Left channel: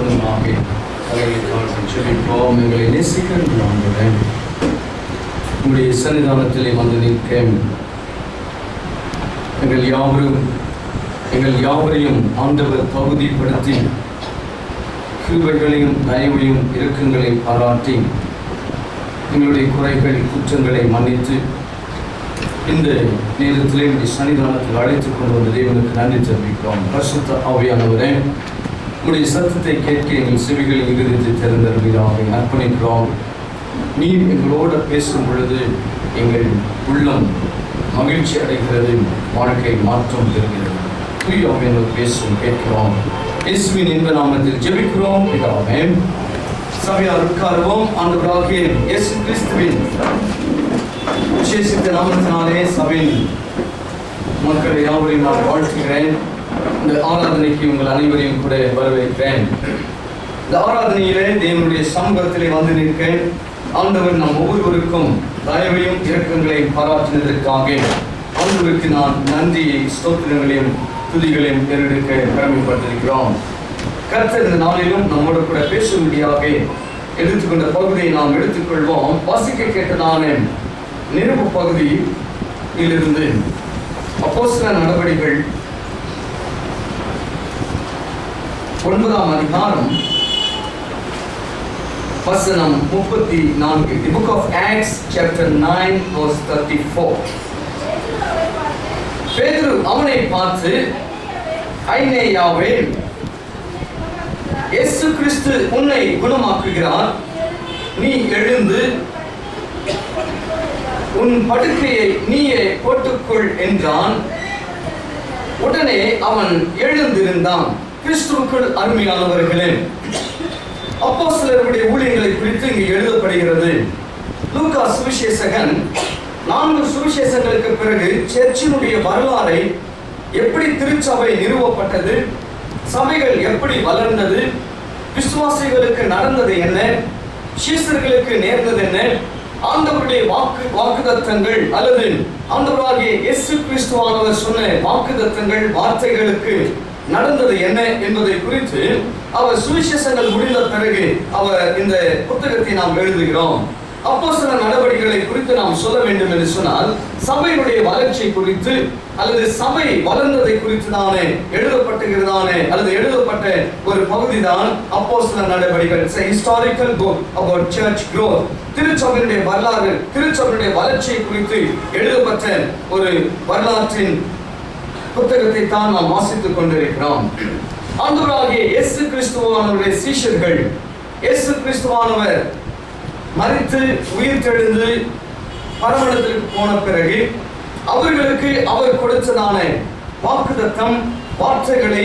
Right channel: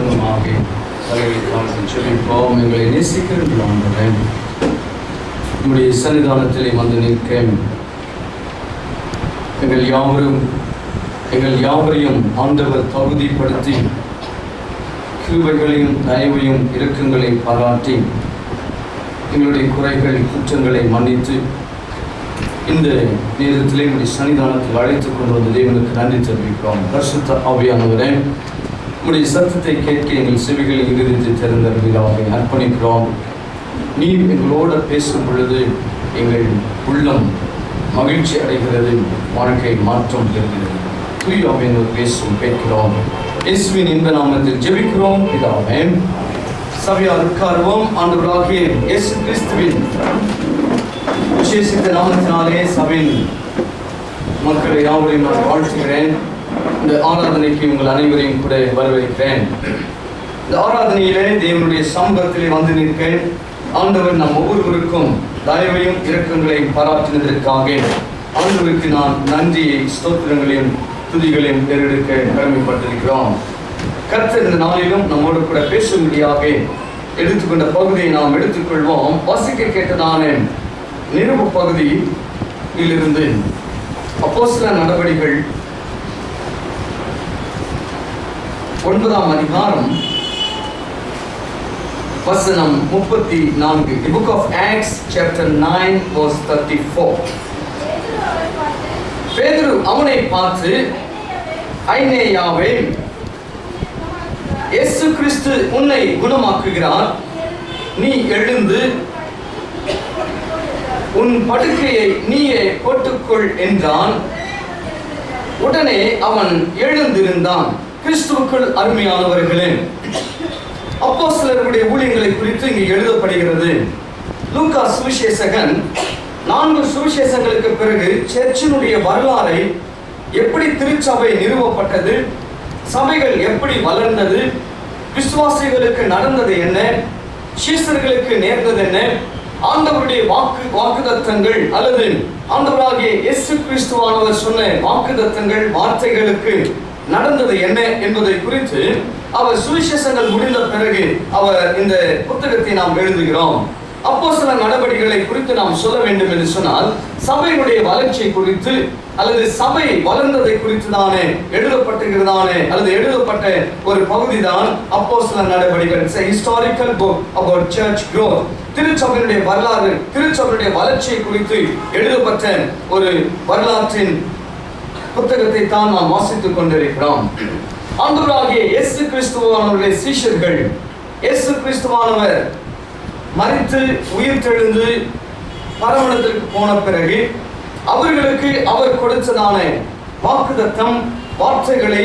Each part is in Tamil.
முழுவதுமாக செபிப்போம். எங்களை நேசிக்கின்ற ஆண்டவரே, உம்முடைய சன்னிதானத்திலே வந்து நிற்க எங்கள் யாவரையும் ஆண்டவர் தகுதிப்படுத்தி கிருபைகளையும் தயவையும் இரக்கங்களையும் பாராட்டி எங்களுடைய குறைகள் குற்றங்களை மன்னித்து இந்த நேரத்திலே உடைய சன்னிதானத்தில் அழைத்துக் கொண்டு வந்த தேவனுக்கு நன்றி தெரிவிக்கிறோம். பரிசுத்த ஆவியானவரே, உடைய சத்தத்தை கேட்க எங்கள் செவிகளில் இருந்து திறந்தருவீராக அர்ப்பணிக்கிறோம். நீர் எங்களோடு பேசும் பொழுது எங்கள் உள்ளம் மகிழ்ச்சி அடைகிறது, வாழ்க்கை மாற்றம் பெறுகிறது. தூய ஆவியானவர் பேசும் கேட்கிறோம். இயேசுவின் இன்ப நாமத்தில் ஜெபிக்கிறோம் பிதாவே. சபையார் உட்காருவோம். ஆண்டவராகிய இயேசு கிறிஸ்துவின் விசேஷித்த நாமத்தினாலே சபையின் மக்களை யாவரையும் நான் வாழ்த்துகிறேன். இந்த ஆராதனைக்கு உங்கள் அனைவரையும் கூட வரவேற்கிறேன். இந்த ஆராதனையிலே தேவனுடைய சமூகத்திலே வந்து நிற்கிறேன். ஆண்டவர் நம் ஒவ்வொருவருக்கும் தயவையும் இரக்கங்களையும் பாராட்டினதற்காக ஆண்டவருக்கு நான் நன்றியை ஸ்தோத்திரங்களையும் துதிகளையும் பெறெடுக்க கடமைப்பட்டிருக்கிறோம். கர்த்தர் இந்த நாளிலும் நம்மோடு கூட பேசும்படியாக எடுத்துக்கொண்ட பகுதியை நாம் எடுத்துக்கொள்வோம். வாசிக்க கேட்டதான நிருப பகுதியிலிருந்து அப்போஸ்தலர் நடவடிக்கைகள் 9ஆம் அதிகாரம் வசனம் 34. The book of Acts chapter 9 verse 34. பேதுரு அவனை பார்த்து, ஐனேயாவே, இயேசு கிறிஸ்து உன்னை குணமாக்குகிறார், நீ எழுந்து உன் படுக்கையை நீயே போட்டுக்கொள் என்றான். உடனே அவன் எழுந்திருந்தான். கிறிஸ்துவுக்குள் அருமையானவர்களே, அப்போஸ்தலர்களுடைய ஊழியங்களை குறித்து இங்கு எழுதப்படுகிறது. லூக்கா சுவிசேஷகன் 4 சுவிசேஷங்களுக்கு பிறகு சர்ச்சினுடைய வரலாறை, எப்படி திருச்சபை நிறுவப்பட்டது, சபைகள் எப்படி வளர்ந்தது, விசுவாசிகளுக்கு நடந்தது என்ன, சீசர்களுக்கு நேர்ந்தது என்ன, ஆண்டவருடைய வாக்குதத்தங்கள் அல்லது ஆண்டவராகிய இயேசு கிறிஸ்துவானவர் சொன்ன வாக்குதத்தங்கள் வார்த்தைகளுக்கு நடந்தது என்ன என்பதை குறித்து அவர் சுவிசேஷங்கள் முடிந்த பிறகு அவர் இந்த புத்தகத்தை நாம் எழுதுகிறோம். அப்போஸ்தலர் நடவடிக்கைகளை குறித்து நாம் சொல்ல வேண்டும் என்று சொன்னால், சபையினுடைய வளர்ச்சி குறித்து அல்லது சபை வளர்ந்ததை குறித்து தானே எழுதப்பட்டிருக்கிறதானே அல்லது எழுதப்பட்ட ஒரு பகுதி தான் அப்போஸ்தலர் நடவடிக்கைகள். It's a historical book about church growth. திருச்சபையினுடைய வரலாறு, திருச்சபையினுடைய வளர்ச்சியை குறித்து எழுதப்பட்ட ஒரு வரலாற்றின் புத்தகத்தை தான் நாம் வாசித்துக் கொண்டிருக்கிறோம். ஆண்டவராகிய இயேசு கிறிஸ்துவானவருடைய சீஷர்கள், இயேசு கிறிஸ்துவானவர் மரித்து உயிர்த்தெழுந்து பரமண்டலத்திற்கு போன பிறகு அவர்களுக்கு அவர் கொடுத்ததான வாக்குத்தத்தம் வார்த்தைகளை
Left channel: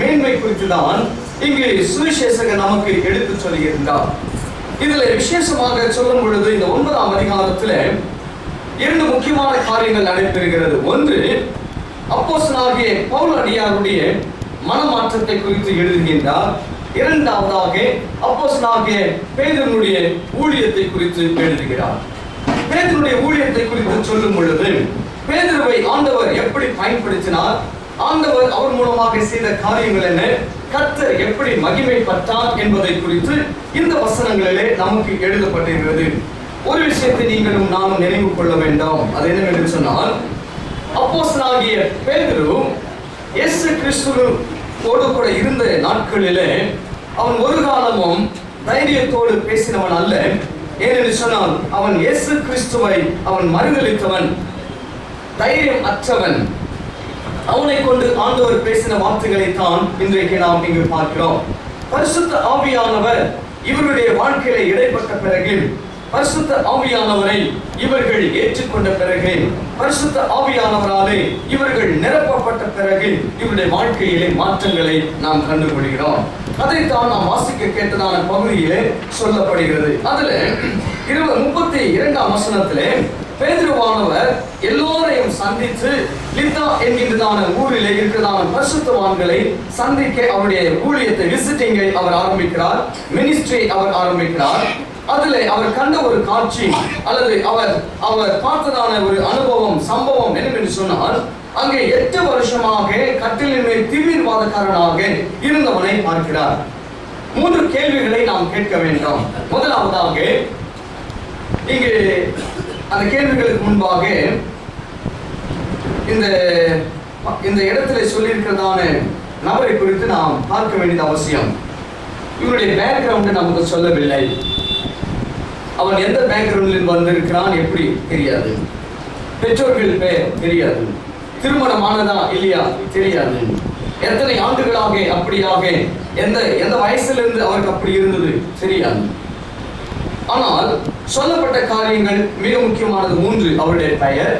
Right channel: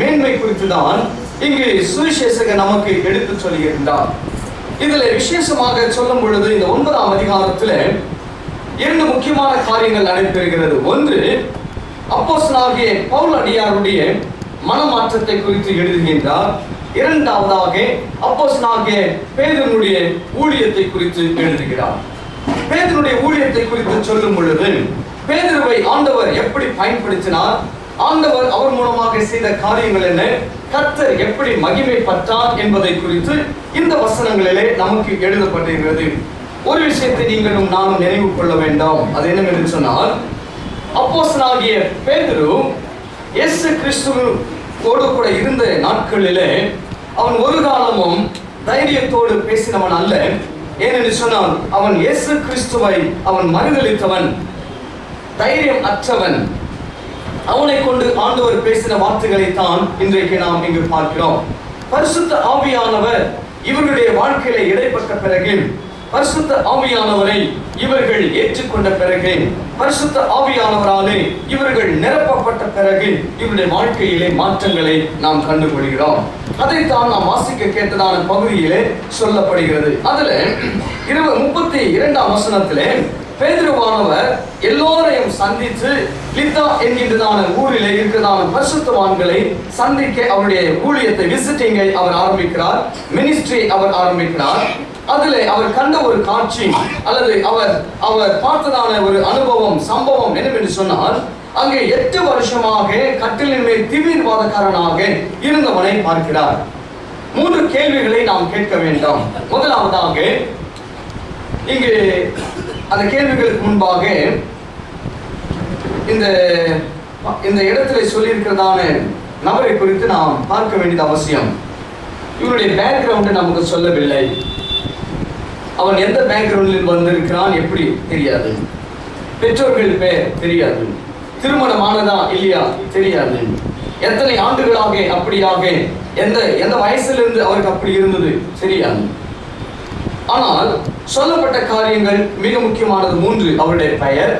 மேன்மை குறித்து தான் இங்கு சுவிசேஷகர் நமக்கு எடுத்து சொல்லுகின்றார். இதுல விசேஷமாக சொல்லும் பொழுது இந்த 9ஆம் அதிகாரத்தில் 2 முக்கியமான காரியங்கள் நடைபெறுகிறது. ஒன்று, அப்போஸ்தலனாகிய பவுல் அடியாருடைய மனமாற்றத்தை குறித்து எழுதுகின்றார். இரண்டாவதாக அப்போஸ்தலனாகிய பேதுருவுடைய ஊழியத்தை குறித்து எழுதுகிறார். பேதுருவுடைய ஊழியத்தை குறித்து சொல்லும் பொழுது பேதுருவை ஆண்டவர் எப்படி பயன்படுத்தினார், ஆண்டவர் அவர் மூலமாக செய்த காரியங்கள் என்ன, கர்த்தர் எப்படி மகிமைப்பட்டார் என்பதை குறித்து இந்த வசனங்களிலே நமக்கு எழுதப்பட்டிருக்கிறது. ஒரு விஷயத்தை நீங்களும் நானும் நினைவு கொள்ள வேண்டும். அது என்னவென்று சொன்னால், அப்போஸ்தலனாகிய பேதுரு இயேசு கிறிஸ்துவோடு கூட இருந்த நாட்களிலே அவன் ஒரு காலமும் தைரியத்தோடு பேசினவன் அல்ல. ஏனென்று சொன்னால், அவன் இயேசு கிறிஸ்துவை அவன் மறுதலித்தவன், தைரியம் அற்றவன். அவனை கொண்டு ஆண்டவர் பேசின வார்த்தைகளை தான் இன்றைக்கு நாம் இங்கு பார்க்கிறோம். பரிசுத்த ஆவியானவர் இவர்களுடைய வாழ்க்கையில இடைப்பட்ட பிறகு, பரிசுத்த ஆவியானவரை இவர்கள் ஏற்றுக்கொண்ட பிறகு, பரிசுத்த ஆவியானவராலே இவர்கள் நிரப்பப்பட்ட பிறகு இவருடைய வாழ்க்கையிலே மாற்றங்களை நாம் கண்டுபிடிக்கிறோம். அதைத்தான் நாம் வாசிக்க கேட்டதான பகுதியிலே சொல்லப்படுகிறது. அதுல 32ஆம் வசனத்திலே பேதுருவானவர் எல்லோரையும் சந்தித்து லித்தா என்கின்றதான ஊரிலே இருக்கிறதான பரிசுத்தவான்களை சந்திக்க அவருடைய ஊழியத்தை, விசிட்டிங்கை அவர் ஆரம்பிக்கிறார், மினிஸ்ட்ரி அவர் ஆரம்பிக்கிறார். அதிலே அவர் கண்ட ஒரு காட்சி அல்லது அவர் பார்த்ததான ஒரு அனுபவம், சம்பவம் என்னவென்று சொன்னால், அங்கே 8 வருஷமாக கட்டிலின் மேல் தீவிரவாதக்காரனாக இருந்தவனை பார்க்கிறார். 3 கேள்விகளை நாம் கேட்க வேண்டும். முதலாவதாக, இங்கு அந்த கேள்விகளுக்கு முன்பாக இந்த இடத்துல சொல்லியிருக்கிறதான நபரை குறித்து நாம் பார்க்க வேண்டியது அவசியம். இவருடைய பேக்ரவுண்ட் நமக்கு சொல்லவில்லை. அவன் எந்த பேக்ரவுண்டில் வந்திருக்கிறான் எப்படி தெரியாது. பெற்றோர்கள் பேர் தெரியாது. திருமணமானதா இல்லையா தெரியாது. எத்தனை ஆண்டுகளாக அப்படியாக எந்த வயசிலிருந்து அவருக்கு அப்படி இருந்தது தெரியாது. ஆனால் சொல்லப்பட்ட காரியங்கள் மிக முக்கியமானது 3. அவருடைய பெயர்,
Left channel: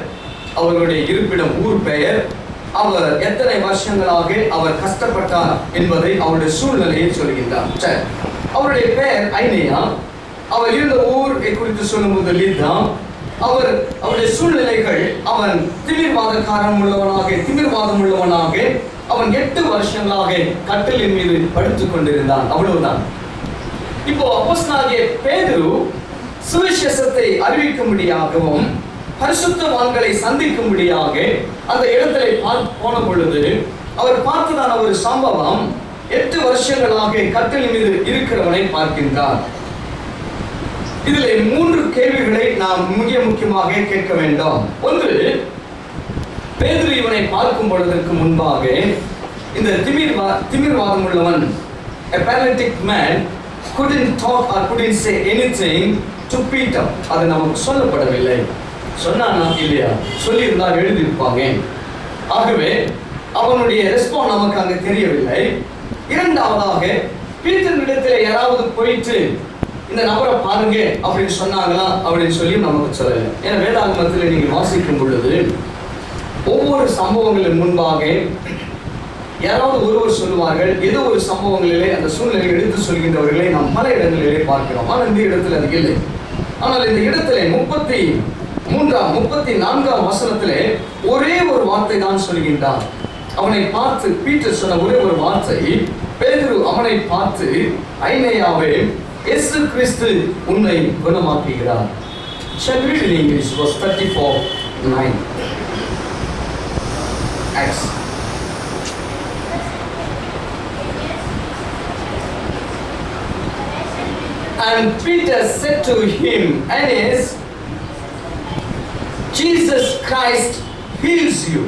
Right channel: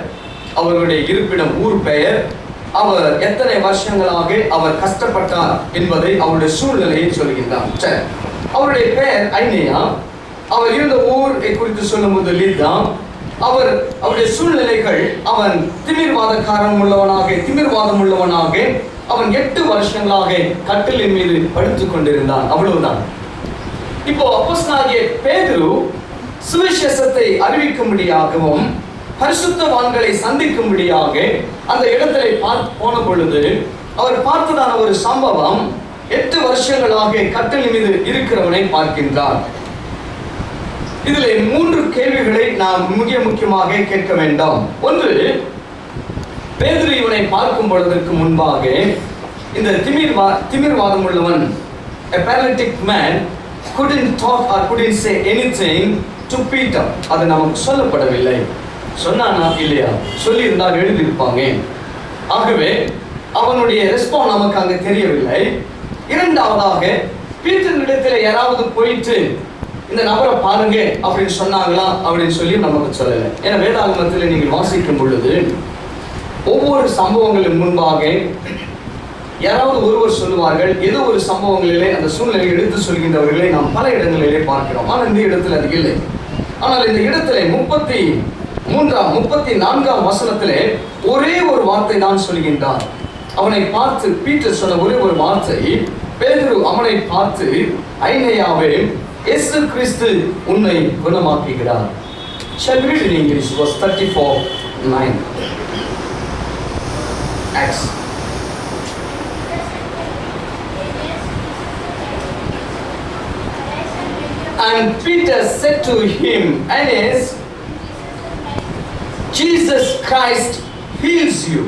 அவருடைய இருப்பிடம், ஊர் பெயர், அவர் எத்தனை வருஷங்களாக அவர் கஷ்டப்பட்டார் என்பதை அவருடைய சூழ்நிலையை சொல்கின்றார். சரி, அவருடைய பெயர் ஐனேயா. அவர் இருந்த ஊரை குறித்து சொல்லும்போது லித்தா. அவருடைய சூழ்நிலைகள், அவன் திமிர்வாதம் உள்ளவனாக அவன் 8 வருஷங்களாக கட்டிலின் மீது படுத்துக் கொண்டிருந்தான். அவ்வளவுதான். இப்போ அப்போஸ்தலனாகிய பேதுரு சுவிசேஷத்தை அறிவிக்கும்படியாகவும் பரிசுத்தவான்களை சந்திக்கும்படியாக அந்த இடத்திலே போன பொழுது அவர் பார்த்ததான ஒரு சம்பவம், 8 வருஷங்களாக கட்டிலின் மீது இருக்கிறவனை பார்க்கின்றார். இதில் 3 கேள்விகளை நாம் முக்கியமாக கேட்க வேண்டும். ஒன்று, பேதுரு இவனை பார்க்கும் பொழுதற்கு முன்பாக இந்த திமிர்வாதம் உள்ளவன், a paralytic man, couldn't talk or couldn't say anything to Peter. அது நமக்கு சொல்லப்படவில்லை. சொன்னானா இல்லையா? சொல்லி இருந்தால் எழுதியிருப்பாங்க. ஆகவே அவனுடைய ரெஸ்பான்ஸ் நமக்கு அங்கே தெரியவில்லை. இரண்டாவதாக, பீட்டரிடத்தில் யாராவது போயிட்டு இந்த நபரை பாருங்க அப்படின்னு சொன்னாங்களா அப்படின்னு சொல்லி நமக்கு சொல்லலை. ஏன்னா வேதாகமத்தில் நீங்கள் வாசிக்கும் பொழுது ஒவ்வொரு சம்பவங்களின் முன்பாக யாராவது ஒருவர் சொல்லுவார்கள். ஏதோ ஒரு சம்பவங்களிலே அந்த சூழ்நிலையை எடுத்து சொல்கின்றவர்களை நாம் பல இடங்களிலே பார்க்கிறோம். ஆனால் இந்த இடத்துல அது இல்லை. ஆனால் இந்த இடத்துல 34ஆம் வசனத்திலே ஒரே ஒரு வார்த்தை தான் சொல்கின்றார். அவனை பார்த்து பீட்டர் சொன்ன ஒரே ஒரு வார்த்தை, பேதுரு அவனை பார்த்து, ஐனேயாவே, இயேசு கிறிஸ்து உன்னை குணமாக்குகிறார். Shall we read in English? Verse 34:9. Acts. And Peter said to him, Aeneas, Jesus Christ heals you.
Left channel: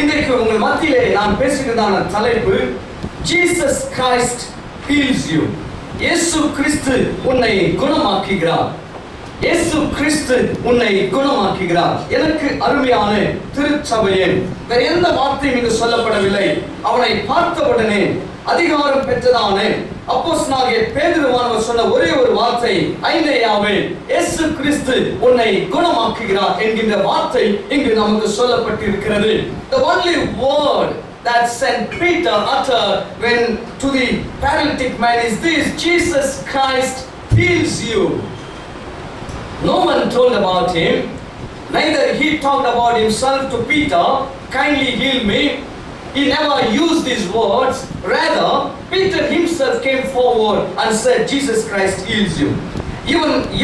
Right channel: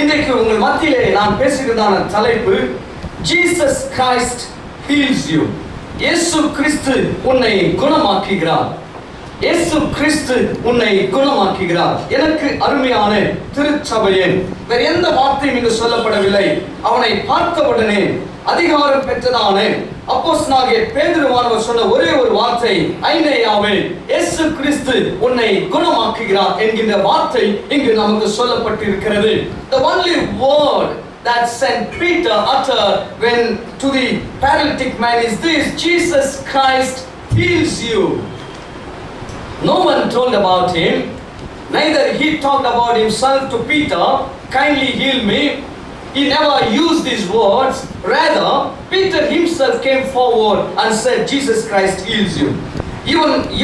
இன்றைக்கு உங்கள் மத்தியிலே நான் பேசுகிறதான தலைப்பு, Jesus Christ heals you. இயேசு கிறிஸ்து உன்னை குணமாக்குகிறார். இயேசு கிறிஸ்து உன்னை குணமாக்குகிறார். எனக்கு அருமையான திருச்சபையே, வேற எந்த வார்த்தையும் இங்கு சொல்லப்படவில்லை. அவனை பார்த்தவுடனே அதிகாரம் பெற்றதான அப்போஸ்தலனாகிய பேதுருவானவர் சொன்ன ஒரே ஒரு வார்த்தை, ஐனேயாவே, இயேசு கிறிஸ்து உன்னை குணமாக்குகிறார் என்கின்ற வார்த்தை இங்கு நமக்கு சொல்லப்பட்டிருக்கிறது. The only word that Saint Peter uttered when to the paralytic man is this: Jesus Christ heals you. No one told about him, neither he talked about himself to Peter, kindly heal me. He never used these words. Rather, Peter himself came forward and said, Jesus Christ heals you.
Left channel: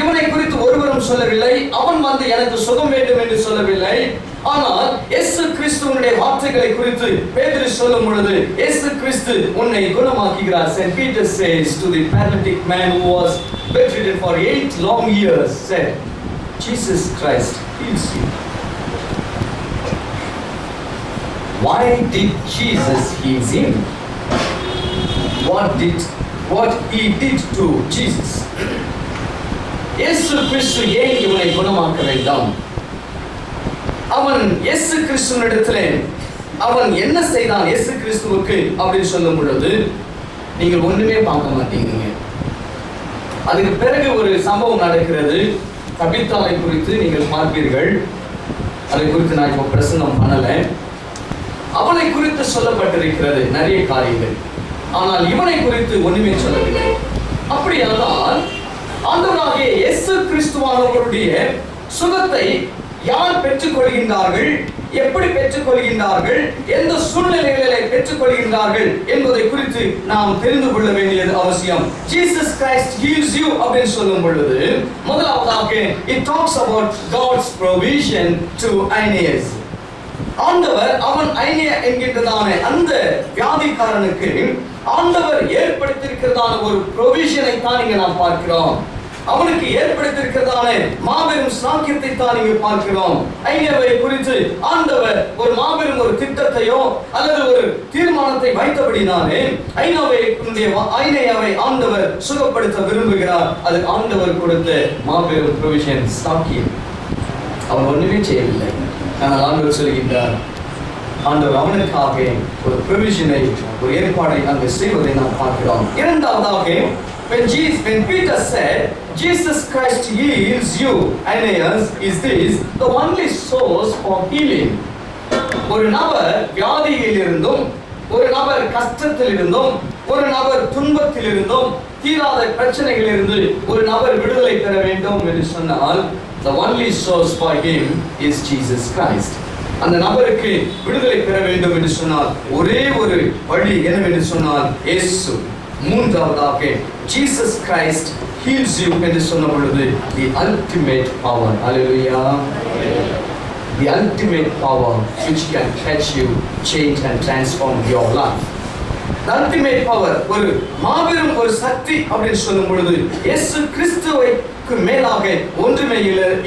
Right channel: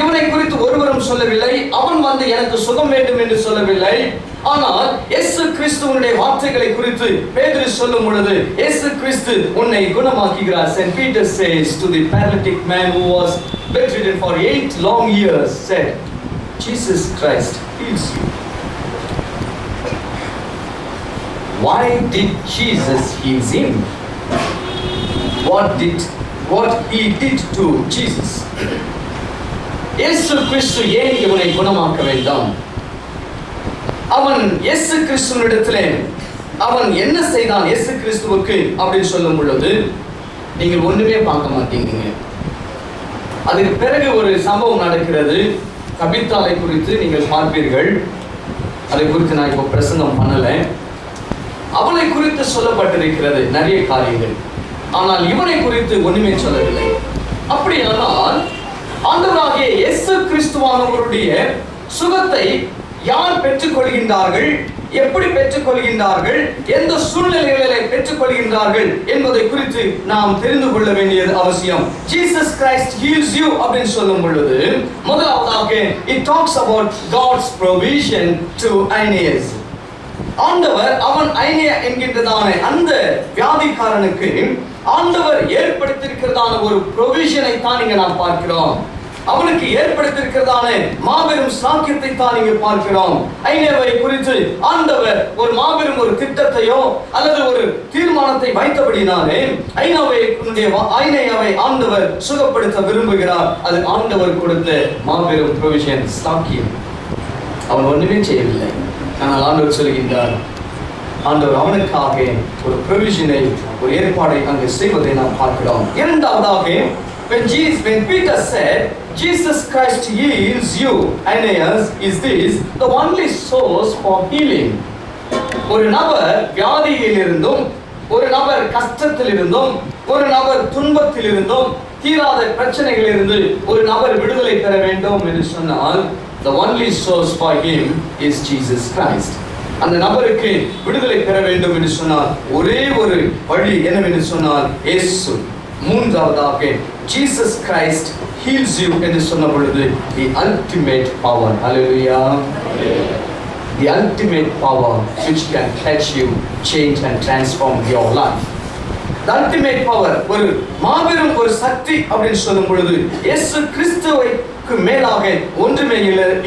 இவனை குறித்து ஒருவரும் சொல்லவில்லை. அவன் வந்து எனக்கு சுகம் வேண்டும் என்று சொல்லவில்லை. ஆனால் இயேசு கிறிஸ்துவினுடைய வார்த்தைகளை குறித்து பேதுரு சொல்லும் பொழுது, இயேசு கிறிஸ்து உன்னை குணமாக்குகிறார். Saint Peter says to the paralytic man who was bedridden for 8 long years, said, Jesus Christ heals you. Why did Jesus heal him? What he did to Jesus? இயேசு கிறிஸ்து ஏன் இவனை குணமாக்க வேண்டாம்? அவன் இயேசு கிறிஸ்துவினிடத்திலே அவன் என்ன செய்தான் இயேசு கிறிஸ்துவுக்கு அப்படின்னு சொல்லும் பொழுது நீங்கள் ஒண்ணுமே பார்க்க மாட்டீங்க. அதுக்கு பிறகு ஒரு சம்பவம் நடக்கிறது. தபித்தாளை குறித்து நீங்கள் பார்ப்பீர்கள். அதை குறித்து நான் இப்போ பிரசங்கம் பண்ணல. அவளை குறித்து சொல்லப்பட்டிருக்கிறது நிறைய காரியங்கள். ஆனால் இவனை குறித்து ஒண்ணுமே சொல்லவில்லை. அப்படியானால் ஆண்டவராகிய இயேசு கிறிஸ்துவானவருடைய சுகத்தை யார் பெற்றுக் கொள்கின்றார்கள், எப்படி பெற்றுக் கொள்கின்றார்கள், எந்த சூழ்நிலைகளிலே பெற்றுக் கொள்கின்றார்கள் என்பதை குறித்து நாம் தெரிந்து கொள்ள வேண்டியது அவசியம். Jesus Christ heals you அப்படின்னு சொல்லும் பொழுது முதலாவதாக it talks about God's provision to Aeneas. ஆண்டவர் அவன் ஐனேயா என்கின்றதான அந்த வியாதிக்காரனுக்கு ஆண்டவர் ஏற்படுத்தியிருக்கிறதான ஒரு ப்ரொவிஷனை தான் இங்க நாம் பார்க்கிறோம். அவனுக்கு ஏற்படுத்தியிருக்கிறதான மாபெரும் சாக்கியத்தை தான் இங்கு பார்க்கிறோம். ஐனேவை குறித்து ஆண்டவர் ஒரு மாபெரும் ஒரு திட்டத்தையோ அல்லது ஒரு தீர்மானத்தை வைத்தபடினாலே ஐனேயாவை ஆண்டவர் சுகப்படுத்த விரும்புகிறார். அது ஆண்டவர் கொடுத்த மாபெரும் ப்ரொவிஷன், சாக்கியம். அவன் ஒண்ணுமே செய்யவில்லை. ஆனால் ஆண்டவர் சொல்கின்றார், ஆண்டவர் அவனுக்காக ஒரு ப்ரொவிஷனை, ஒரு ஏற்பாடை அங்கு செய்வதை நாம் பார்க்கிறோம். இரண்டாவதாக, when Peter said, Jesus Christ heals you, Aeneas, is this the only source for healing? ஒரு நபர் வியாதியில் இருந்தும், ஒரு நபர் கஷ்டத்தில் இருந்தும், ஒரு நபர் துன்பத்தில் இருந்தும், தீராத பிரச்சனைகளில் இருந்து ஒரு நபர் விடுதலை பெற வேண்டும் என்று சொன்னால், the only source for him is Jesus Christ. அந்த நபருக்கு விடுதலை பெற வேண்டும் என்று சொன்னால் ஒரே ஒரு வழி என்னவென்று சொன்னால் இயேசு. மூன்றாவதாக, Jesus Christ heals you என்று சொன்ன பொழுது the ultimate power, hallelujah, the ultimate power which can touch you, change and transform your life. The ultimate power, ஒரு மாபெரும் ஒரு சக்தி அப்படின்னு சொல்லும் பொழுது இயேசு கிறிஸ்துவுக்கு மேலாக ஒன்றுமே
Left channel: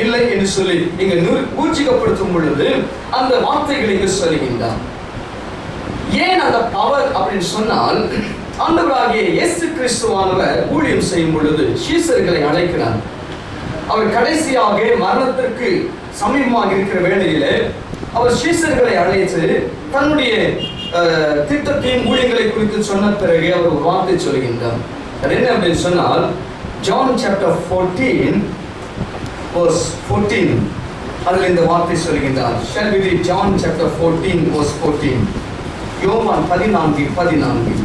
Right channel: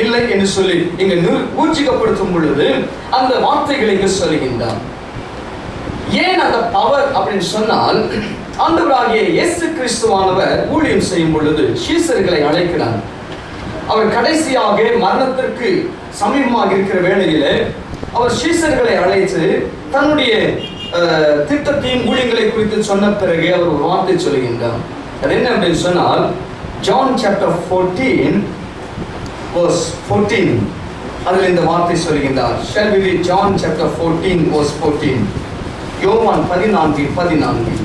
இல்லை என்று சொல்லி இங்க ஊர்ஜிதப்படுத்தும் பொழுது அந்த வார்த்தைகளை இங்கு சொல்லுகின்றார். ஏன் அந்த பவர் அப்படின்னு சொன்னால், ஆண்டவராகிய இயேசு கிறிஸ்துவானவர் ஊழியம் செய்யும் பொழுது சீஷர்களை அழைக்கிறார். அவர் கடைசியாக மரணத்திற்கு சமீபமாக இருக்கிற வேளையிலே அவர் சீஷர்களை அழைத்து தன்னுடைய திட்டத்தையும் ஊழியங்களை குறித்து சொன்ன பிறகு அவர் ஒரு வார்த்தை சொல்கின்றார். அது என்ன அப்படின்னு சொன்னால், John chapter 14 verse 14, அதில் இந்த வார்த்தை சொல்கின்றார். Shall we read John chapter 14 verse 14? யோவான் 14:14.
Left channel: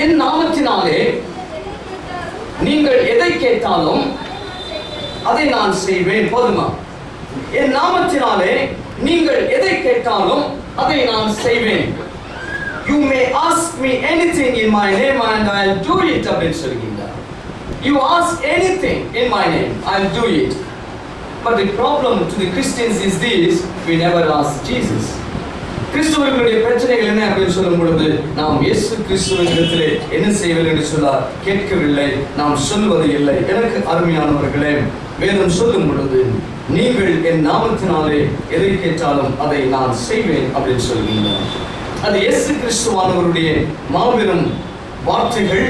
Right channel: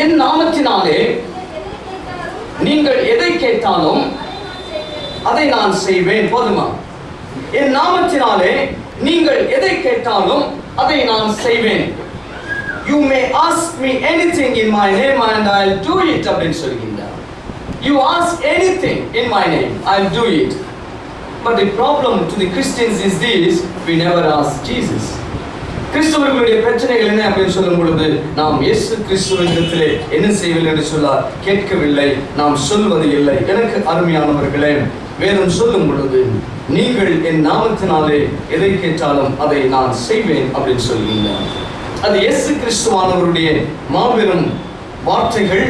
என் நாமத்தினாலே நீங்கள் எதை கேட்டாலும் அதை நான் செய்வேன். போதுமா? என் நாமத்தினாலே நீங்கள் எதை கேட்டாலும் அதை நான் செய்வேன். You may ask me anything in my name and I'll do it அப்படின்னு சொல்கின்றார். You ask anything in my name, I'll do it. But the problem to the Christians is this: we never ask Jesus. கிறிஸ்துவர்களுடைய பிரச்சனைகள் என்ன அப்படின்னு சொல்லும் பொழுது, நாம் இயேசு கிறிஸ்துவினிடத்திலே என்ன செய்யவில்லை என்று சொன்னார், கேட்கவில்லை, நாம் சொல்வது இல்லை. எனக்கு அருமையானவர்களே, வேதம் சொல்லும் பொழுது நீங்கள் என் நாமத்தினாலே எதை கேட்டாலும் அதை நான் செய்வேன் அப்படின்னு சொல்கின்றேன். அது இயேசு கிறிஸ்துவானவருடைய மாபெரும் வார்த்தைகள்.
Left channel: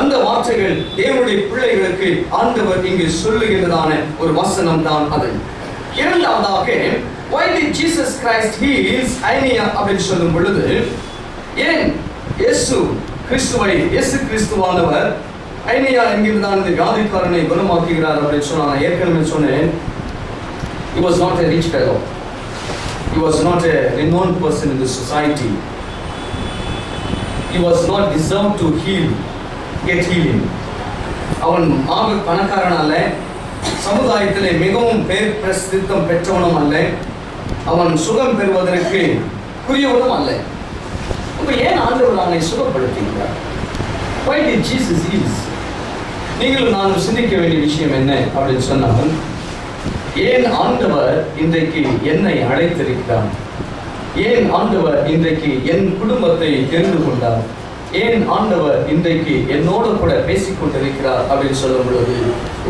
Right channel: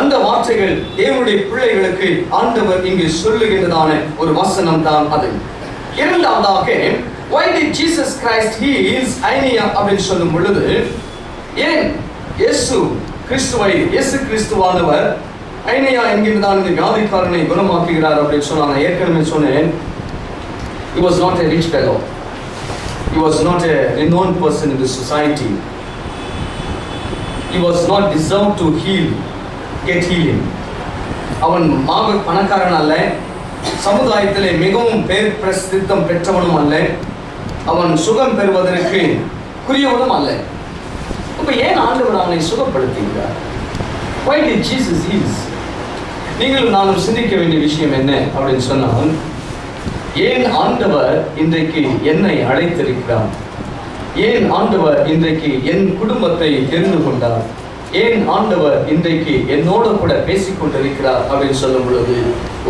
அந்த வார்த்தைகள் தேவனுடைய பிள்ளைகளுக்கு ஆண்டவர் இங்கு சொல்லுகின்றதான ஒரு வசனம் தான் அது. இரண்டாவதாக, why did Jesus Christ heals Aeneas அப்படின்னு சொல்லும் பொழுது, ஏன் இயேசு கிறிஸ்துவானவர் ஐனேயா என்கிறதான இந்த வியாதிக்காரனை குணமாக்குகிறார் அப்படின்னு சொன்னா, நான் ஏற்கனவே சொன்னேன், he was not a rich fellow, he was not a renowned person in the society, he was not deserved to get healing. அவன் பணக்காரன் அல்ல, சமுதாயத்திலே மிகவும் பேர் பிரசித்தம் பெற்றவனும் அல்ல, அவன் சுகம் பெறுவதற்கு குறியவனும் அல்ல. அப்ப ஏன் ஆண்டவர் அவனை சுகப்படுத்துகிறார்? Why did Jesus heal? நீங்களும் நானும் சிந்திக்க வேண்டிய விஷயம் என்ன அப்படின்னு சொன்னால், ஏன் ஆண்டவர் இன்றைக்கு என்னை அழைத்திருக்கிறார்? ஏன் ஆண்டவர் இன்றைக்கு என் குடும்பத்தை தெரிந்து கொண்டார்? ஏன் ஆண்டவர் இன்றைக்கு என்னோட கூட பேசிக்கொண்டிருக்கிறார் அப்படின்னு சொல்லும் பொழுது,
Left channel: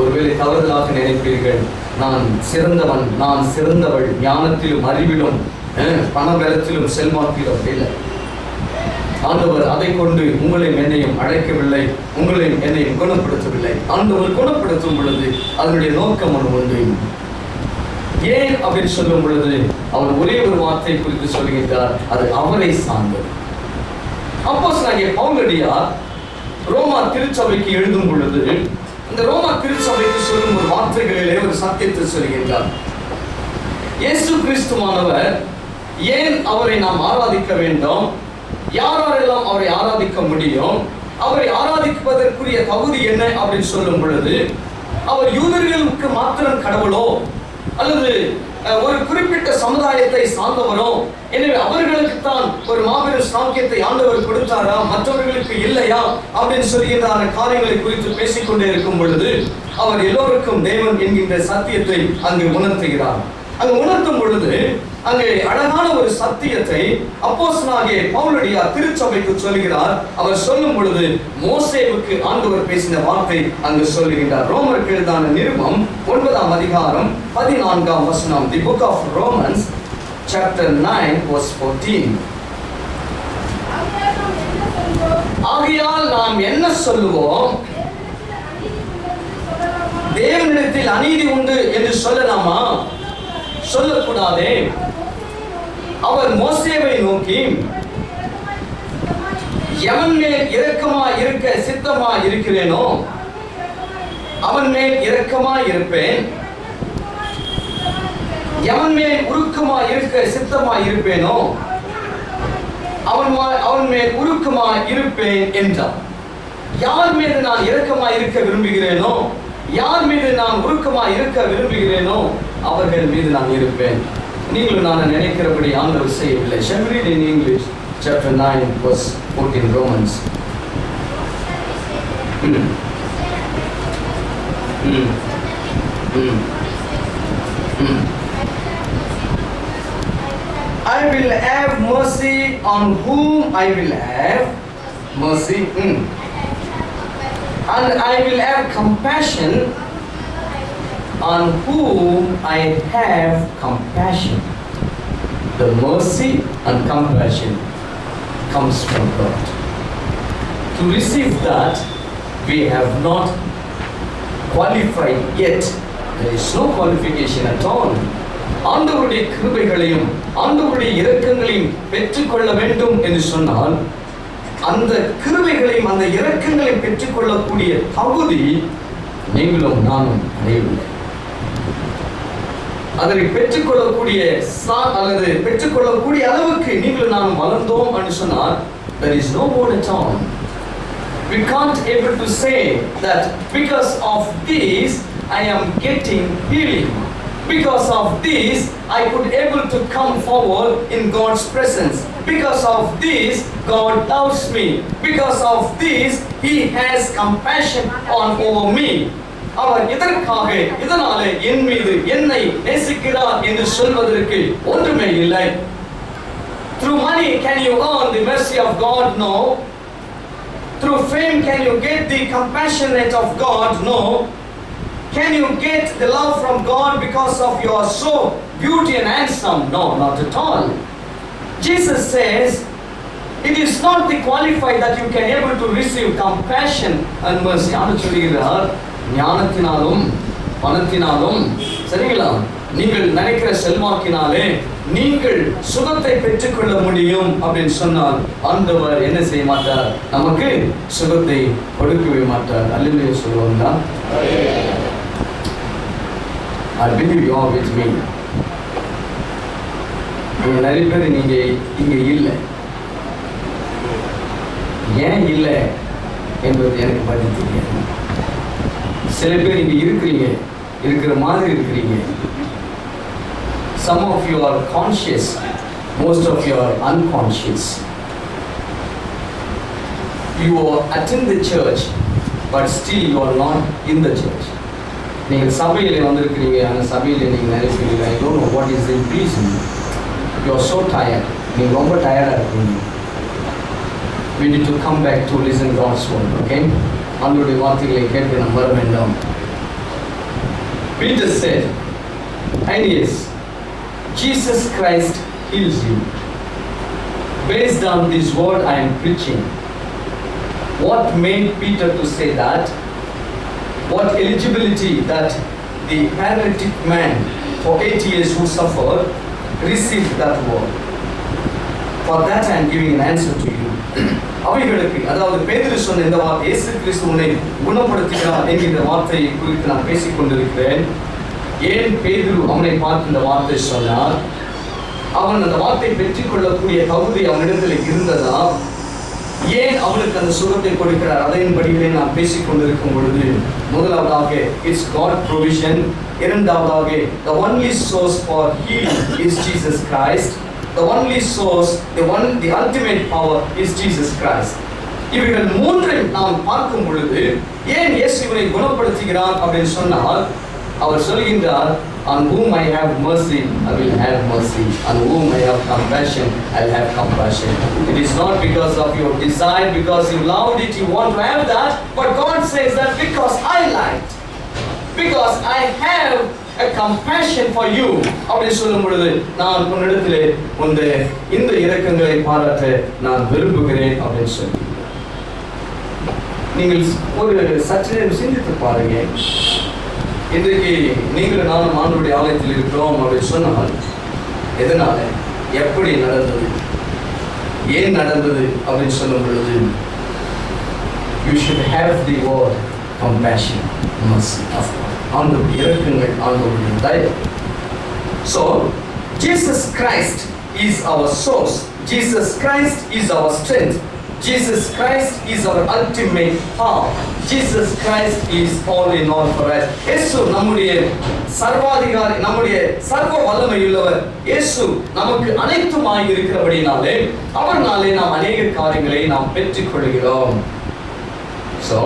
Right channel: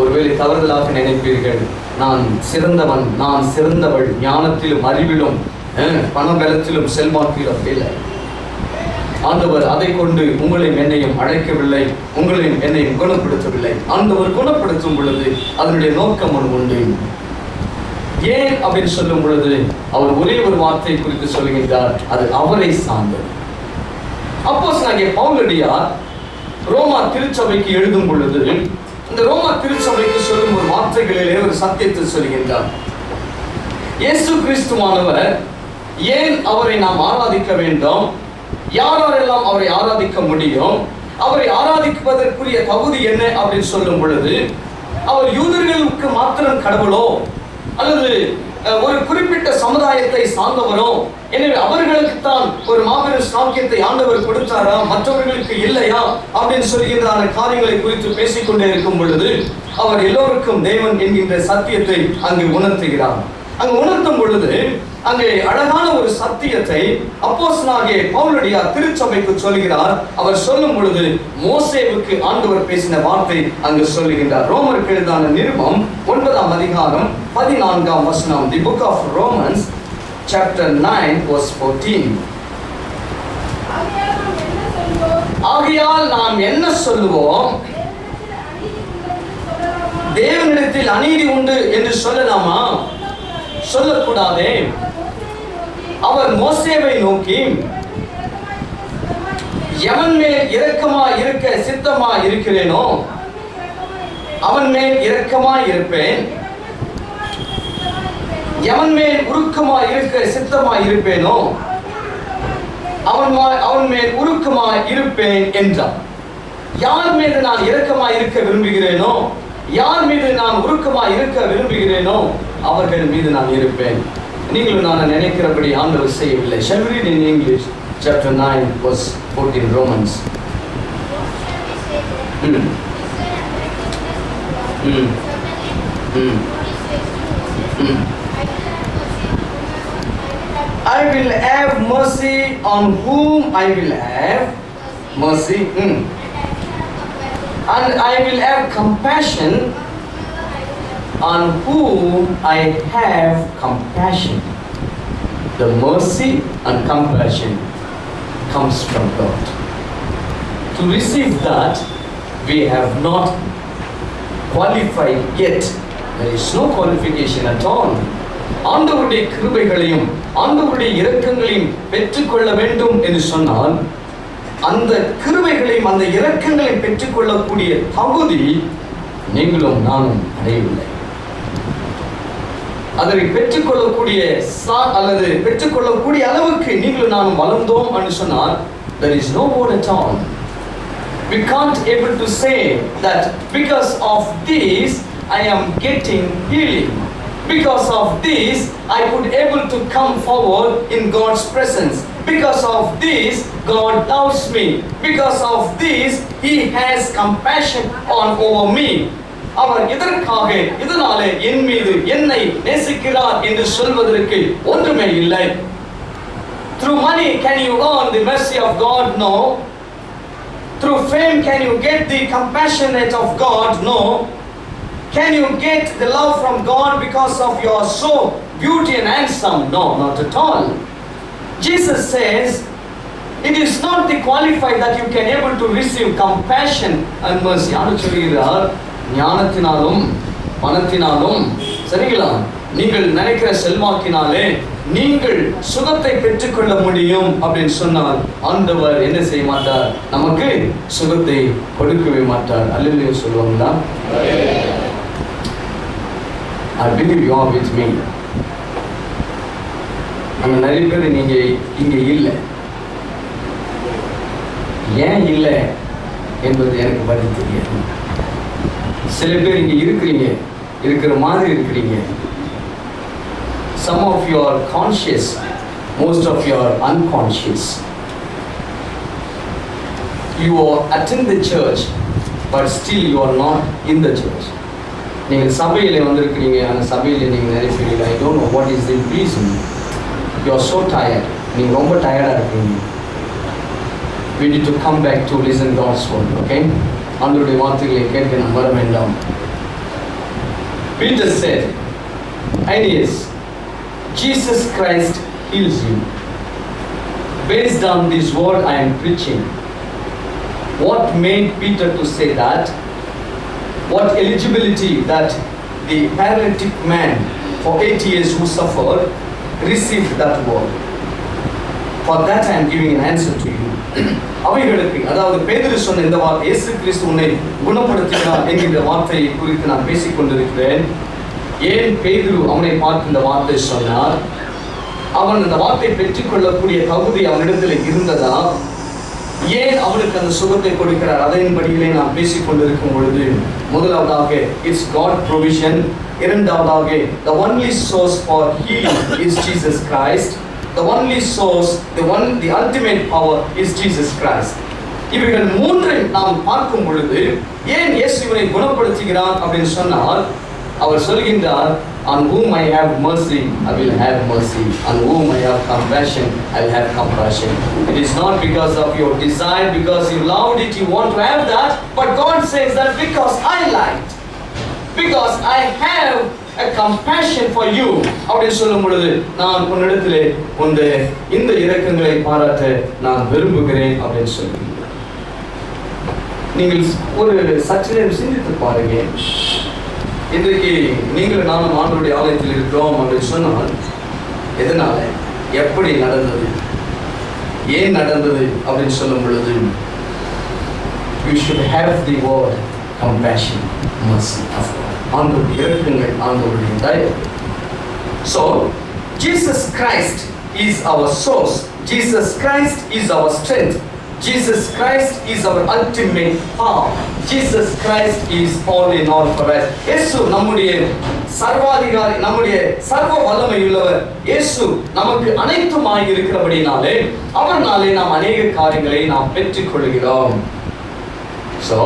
ஒருவேளை தவறுதலாக நினைப்பீர்கள், நான் சிறந்தவன், நான் சிறந்தவள், ஞானத்திலும் அறிவிலும் பணபலத்திலும் செல்வாக்கிலும் இல்லை. ஆண்டவர் அதை கொண்டு உங்களையும் என்னையும் அழைக்கவில்லை, உங்களையும் என்னையும் குணப்படுத்தவில்லை. ஆண்டவர் குணப்படுத்தும் பொழுது அதனுடைய நோக்கம் ஒன்று உண்டு. ஏன் அப்படின்னு சொல்லும் பொழுது அவர் ஒரே ஒரு வார்த்தை குறித்து சொல்லுகின்றார், அது அவரை சார்ந்தது. அப்போஸ்தலனாகிய பவுலடியார் ரோமா திருச்சபைக்கு எழுதும் பொழுது இந்த ரோமா திருச்சபைக்கு சொல்லும் ஒரு வார்த்தைகளிலே ஒரு சத்தியத்தை சொல்கின்றார். இயேசு கிறிஸ்துவானவர் ஏன் அவரை நாம் ஆராதிக்க வேண்டும், யாரெல்லாம் அவரை ஆராதிக்க முடியும், அவரை ஆராதிப்பதற்குரிய தகுதி என்ன அப்படின்னு சொல்லும் பொழுது, அவர் யூதர்களுக்கு மாத்திரம் கடவுளோ அல்லது ஒரு குறிப்பிட்ட சமுதாயத்தை சார்ந்தவரோ, எனவே அவர்களுக்கு தான் ஒரு மாபெரும் சாக்கியத்தை ஆண்டவர் கொடுத்தாரா, மற்றவர்களுக்கு இல்லையா அப்படின்னு சொல்கின்ற காரியங்களை குறித்து பேசிக்கொண்டே இருக்கும் பொழுது அவர் எல்லோருக்கும் தேவன் என்கின்ற சத்தியத்தை அங்கு உணர்த்துகிறார். அங்கு உணர்த்தும் பொழுது அங்கே அழகான ஒரு சத்தியத்தை அப்போஸ்தலனாகிய பவுலடியார் திருச்சபைக்கு சொல்கிறார். அவர் சொல்லும் பொழுது மோசேவுக்கு ஆண்டவர் பேசின வார்த்தை அங்கு சொல்லுகின்றார். ரோமருக்கு எழுதின நிருபம் 9ஆம் அதிகாரம் 14ஆம் வசனம். The book of Romans chapter 9 verse 14. ஆகையால் நாம் என்ன சொல்லுவோம்? தேவனிடத்தில் அநீதி உண்டு என்று சொல்லலாமா? சொல்லக்கூடாதே. அவர் மோசேவை நோக்கி, எவன் மேல் இரக்கமா இருக்க சித்தமா இருக்கிறேனோ அவன் மேல் இரக்கமா இருப்பேன், எவன் மேல் உருக்கமா இருக்க சித்தமா இருப்பேனோ அவன் மேல் உருக்கமா இருப்பேன் என்றார். யார் மீது நான் இரக்கமா இருக்க விரும்புகிறேனோ, யார் மீது நான் உருக்கமா இருக்க விரும்புகிறேனோ அவர்கள் மீது நான் இருப்பேன். நீங்களும் நான் நினைக்கிறபடி ஆண்டவர் செய்யவில்லை. Shall we read in English chapter 9 verse 14 Romans? I will have mercy on whom I will have mercy, and I will have compassion on whom I have compassion. The mercy and compassion comes from God. To receive that, we have not qualified yet. There is no qualification at all. ஆண்டவருடைய கிருபைகளையும் ஆண்டவருடைய இரக்கங்களையும் பெற்றுக்கொள்ள வேண்டும் என்று சொன்னால், அந்த கிருபைகளையும் அந்த இரக்கங்களையும் பெற்றுக்கொள்ளக்கூடிய தகுதி நீங்களும் நானும் அடையவில்லை. அதை பெற்றுக்கொள்ளக்கூடிய அல்லது பெற்றுக்கொள்ளக்கூடிய அளவுக்கு நீங்களும் நானும் வளர்ந்தோம் என்று சொன்னால், there is no more at all. We can't able to say that because of this I am getting healing. Because of this, I could able to come forward in God's presence. Because of this, God loves me. Because of this, He has compassion over me. அவர் இதற்காக இதனாலே என் மீது என்னை நேசிக்கிறார் என்று சொல்வதற்கு ஒன்றுமே இல்லை. Through money can you earn the mercy of God? No. Through fame can you get the compassionate of God? No. Can you get the love from God because of your so beauty and handsome? No, not at all. Jesus says it is not the qualified that you can able to receive compassion and mercy. ஆண்டு சொல்கிறார், ஞானத்தினாலும் பணத்தினாலும் சரிங்களா, நீங்கள் நினைக்கிற செல்வாக்கினாலே நீங்கள் சுகத்தை பெற்றுக்கொள்ள முடியும் அப்படின்னு சொன்னால் ஆண்டவர் என்ன செய்ய மாட்டார்? நமக்கு சுகத்தை கொடுக்கவே மாட்டார். அல்லேலூயா சொல்லுவாங்களா? I believe you are with me. அங்க நிறைய பேர் நீங்க இங்க இல்லை. ஏன் இல்லை என்பது எனக்கு பதில் தெரியாது. சில பேர் இங்க இருக்கிறீங்க, இருக்கிற மாதிரி இருக்கிறீங்க. Some of you are conscious, most of you are unconscious. You attend the church, but still you are not in the church. நீங்கள் சபையில் வந்திருக்கிறீங்க, அந்த சபையில் நீங்கள் நிறைய பேர் I don't know what is the reason. You are so tired. நீங்கள் ரொம்ப டயர்டாக இருக்கீங்க. We need to come back to listen God's word, okay? ஆண்டவருடைய வார்த்தைகளை கேட்க நாம் வர வேண்டாம். Peter said, Aeneas, Jesus Christ heals you. Based on this word I am preaching. What made Peter to say that? What eligibility that the paralytic man for 8 years who suffered received that word? For that I am giving an answer to you. அவைகளுக்கு, அதாவது பேதுரு சொன்ன இந்த வார்த்தை, இயேசு கிறிஸ்து உன்னை குணப்படுத்தினார் என்கிற வார்த்தையை குறித்து நான் பேசிக் கொண்டிருக்கிறேன். ஏன் பேதுரு அவனை பார்த்து இந்த வார்த்தை சொன்னார்? அவன் அந்த வார்த்தை பெற்றுக்கொள்ளக்கூடிய தகுதி அவனிடத்தில் இருந்ததா? ஏன் அவனுக்கு அந்த சுகத்தை கொடுக்கிறார்? அதன்படியிலே நான் பேசிக் கொண்டிருக்கும் பொழுது, முதலாவதாக இட்ஸ் காட் ப்ரொவிஷன், இரண்டாவதாக the only source for healing is Jesus Christ, the only source, the ultimate power is Jesus Christ. இவைகள் மூன்றை நாம் பார்க்கும் பொழுது ஏன் இயேசு இவனை குணப்படுத்துகிறார் அப்படின்னு சொன்னால், அவர் சொல்கின்றார், On whom I have mercy, I will have mercy. On whom I have compassion, I will have compassion. It is not because of your desire, because you loved it, you want to have that. But God says that because I liked, because I have a compassion for you. அப்படி சொல்லும் பொழுது நான் உன்னிடத்திலே இந்த இரக்கங்களை பாராட்ட நான் விரும்புகிறேன் அப்படின்னு சொல்லி நீங்கள் ஒரு சற்று நேரம் சிந்தித்து பாருங்க. இன்றைக்கு நீங்களும் நானும் ஆண்டவருடைய ஆலயத்தில் இருக்கிறோம் அப்படின்னு சொன்னால் எதனால, எப்படி நடந்தது, ஏன் நடந்தது அப்படின்னு சொல்லும் பொழுது you should have the word compassion, mercy of God. ஆண்டவருடைய இரக்கங்கள், ஆண்டவருடைய தயவு. So Jesus Christ is our source. Jesus Christ is our strength. Jesus Christ is our ultimate power. Jesus Christ is all in all for us. இயேசு நம்முடைய சர்வாதிகாரி, நம்முடைய சர்வ வல்லமையுள்ளவர். இயேசு நமக்கு அனைத்துமாய் இருக்கிறபடினாலே அவர்னாலே நாம் அநேக காரியங்களை நாம் பெற்றுக்கொள்கிறோம். So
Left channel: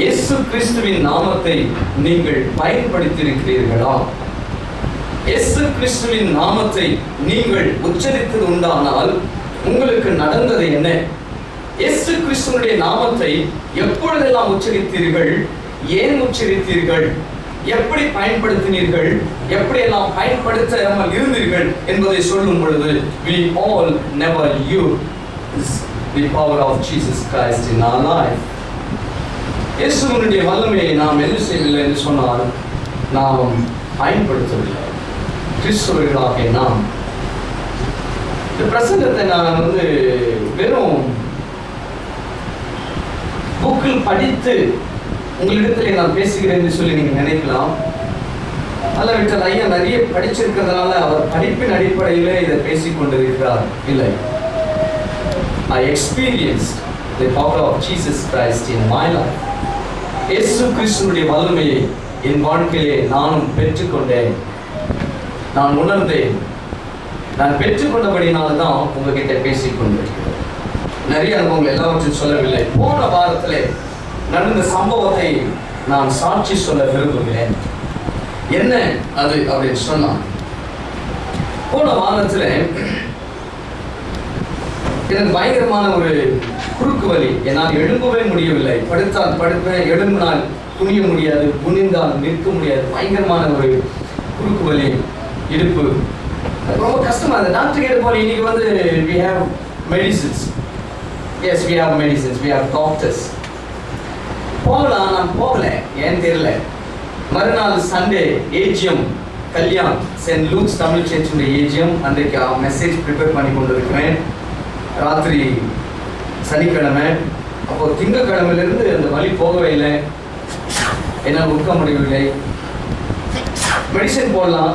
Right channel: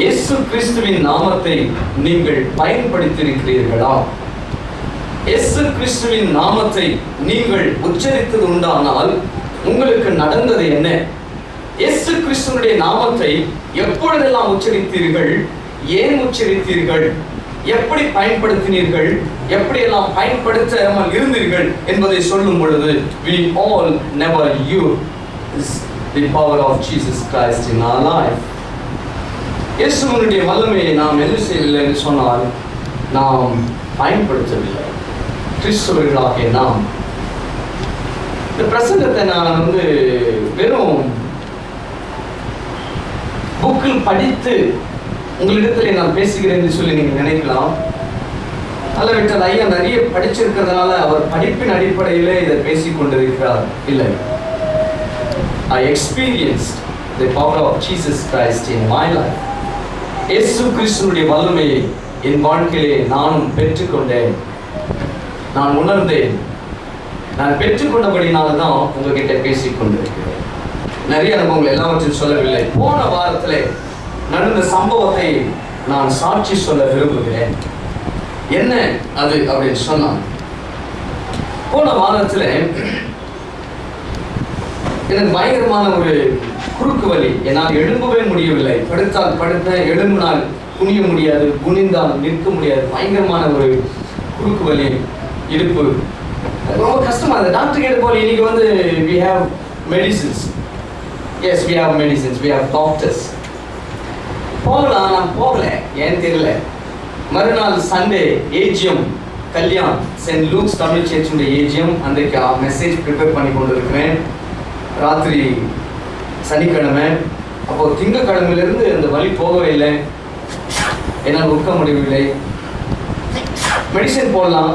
இயேசு கிறிஸ்துவின் நாமத்தை நீங்கள் பயன்படுத்தியிருக்கிறீர்களா? இயேசு கிறிஸ்துவின் நாமத்தை நீங்கள் உச்சரித்தது உண்டானால் உங்களுக்கு நடந்தது என்ன? இயேசு கிறிஸ்துவினுடைய நாமத்தை எப்பொழுதெல்லாம் உச்சரித்தீர்கள், ஏன் உச்சரித்தீர்கள், எப்படி பயன்படுத்தினீர்கள், எப்படியெல்லாம் பயன்படுத்தாமல் இருந்தீர்கள் என்பதை சொல்லும் பொழுது we all never use the power of Jesus Christ in our life. இயேசுவினுடைய வல்லமையை நாம் என்ன செய்யவில்லை என்று சொன்னால் நாம் பயன்படுத்தவில்லை. கிறிஸ்தவர்களாகிய நாம் இந்த பிரசங்கத்தை நான் வெறும் புக்கில் படித்து உங்களிடத்தில் நான் பேசுகிறேன் என்று சொல்லி நீங்கள் நினைக்கலாம். அல்லவிட்டால் ஐயா நிறைய படிச்சிருக்கிறதுனால அவர் படிப்பின் அடிப்படையிலே இதை பேசிக் கொண்டிருக்கிறார். இல்லை, I experienced the power of Jesus Christ in my life. இயேசு கிறிஸ்துவினுடைய வல்லமையை என் வாழ்க்கையிலே நானும் பெற்றுக்கொண்டேன், நான் உணர்ந்தேன். நான் பெற்றுக்கொண்டபடினால்தான் உங்ககிட்ட பேசிக் கொண்டிருக்கிறேன். நிறைய அனுபவங்கள் எல்லாவற்றையும் சொல்லவில்லை. போன வாரத்தில் நடந்த சம்பவத்தை நான் சாட்சி சொல்ல விரும்புகிறேன். என்ன அது அப்படின்னு சொன்னான். போன வாரத்தில் எனக்கு பயங்கரமான ஒரு குறுக்கு வலி. என்னால் எழும்பவே முடியவில்லை. படுத்தால் படுத்தேன், எழும்பினால் குனிய முடியாது, குனிந்தால் நிற்க முடியாது. பயங்கரமான ஒரு குறுக்கு வலி, இடுப்பு ரொம்ப கஷ்டமா இருந்தது. டாக்டர் கேட்டு போல இன்னைக்கு we have medicines. Yes, we have medicines, we have doctors. போகலாம், நான் போகல, ஏன் தெரியல. மறுநாள் Sunday AGM Kalyan Saint Luke's Tamil சர்ச்சுடைய ஏஜிஎம். அன்றைக்கு மெசேஜ் ப்ரிப்பேர் பண்ணி கொண்டு இருக்கிறேன். ராத்திரி சனிக்கிழமை. அப்போ திங்கக்கிழமையிலிருந்து அந்த வலி போகவே இல்லை, என்னால் உட்க முடியவில்லை. மெடிசன் போடலாம்,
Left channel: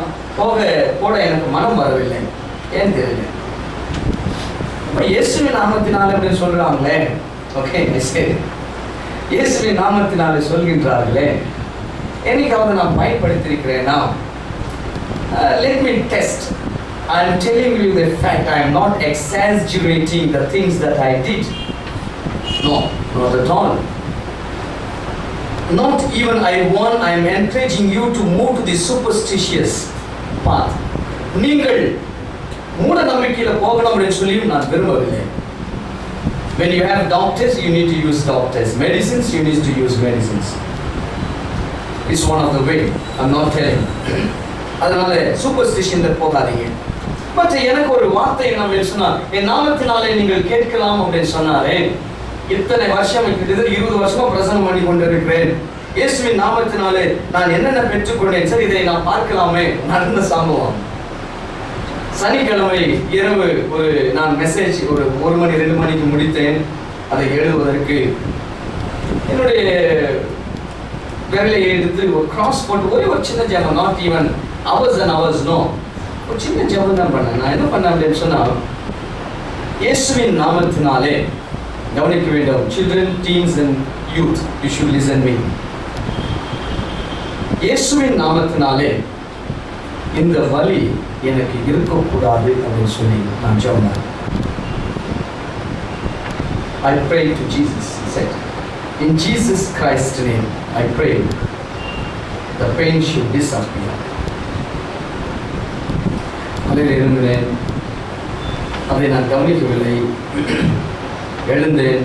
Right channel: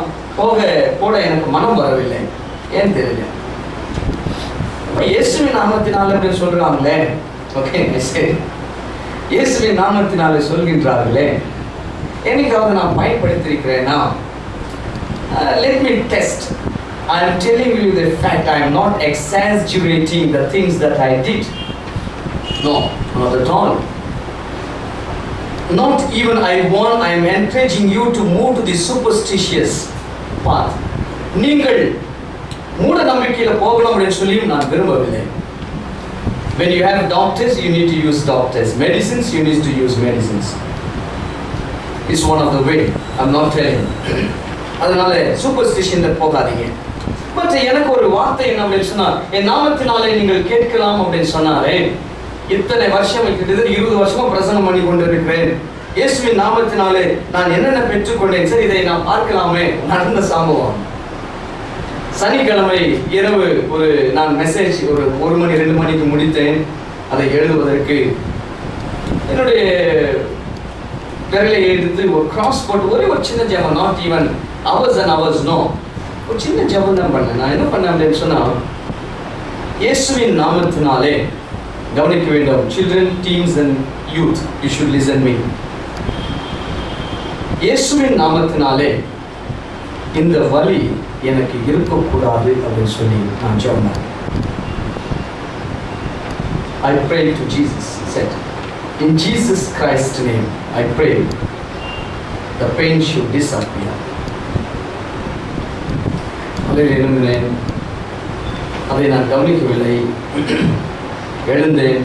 போட எனக்கு மனம் வரவில்லை, ஏன் தெரியல. இப்போ இயேசுவின் நாமத்தினாலே அப்படின்னு சொல்றாங்களே, ஓகே சரி, இயேசுவின் நாமத்தினாலே சொல்கின்றார்களே, என்னைக்காவது நான் பயன்படுத்தியிருக்கிறேன்னா? Let me test. I am telling you the fact. I am not exaggerating the things that I did. No, not at all. Not even I am encouraging you to move to the superstitious path. நீங்கள் மூட நம்பிக்கையில போகணும் அப்படின்னு சொல்லி நான் விரும்பவில்லை. When you have doctors, you need to use doctors. Medicines, you need to use medicines. It's one of the way. I'm not telling. அதனால சூப்பர்ஸ்டிஷன்ல போகாதீங்க. பட் எனக்கு ஒரு வார்த்தை நம்ம சொன்னா, என் நாமத்தினாலே நீங்கள் கேட்கலாம் அப்படின்னு சொன்னாரே. இத்தனை வருஷம், கிட்டத்தட்ட 20 வருஷமா பிரசங்கம் பண்ணி கொண்டிருக்கிறேன். இயேசுவின் நாமத்தினாலே நான் என்னென்ன பெற்றுக்கொண்டேன், சரி இதை நான் பார்க்கலாமே. நடந்த சம்பவம் சனிக்கிழமை இரவு நான் மெசேஜ் 1 மணி 2 மணிக்கு முடித்தேன். அதை எழுதுவதற்கு என்னுடைய விரலை எடுத்து ஒரு கிராஸ் போட்டு ஒரு சின்ன ஜெபம், not even hours and hours, no, ஒரு சின்ன ஜெபம் தான் பண்ணேன். நான் என்ன பண்ணேன் அப்படின்னு சொன்னா, இயேசுவின் நாமத்தினாலே, கவனிக்க வேண்டும், children, teens and youth, you should listen me. இயேசுவின் நாமத்தினாலே இந்த வலி எனக்கு இருக்கக்கூடாது அப்படின்னு சொல்லி நான் ஜெபம் பண்ணேன். I prayed to Jesus, said, in Jesus Christ's name I pray the pain should disappear. காலையில் எழுந்தினேன், அதை நான் கவனிக்கவில்லை. எழுந்தேன்,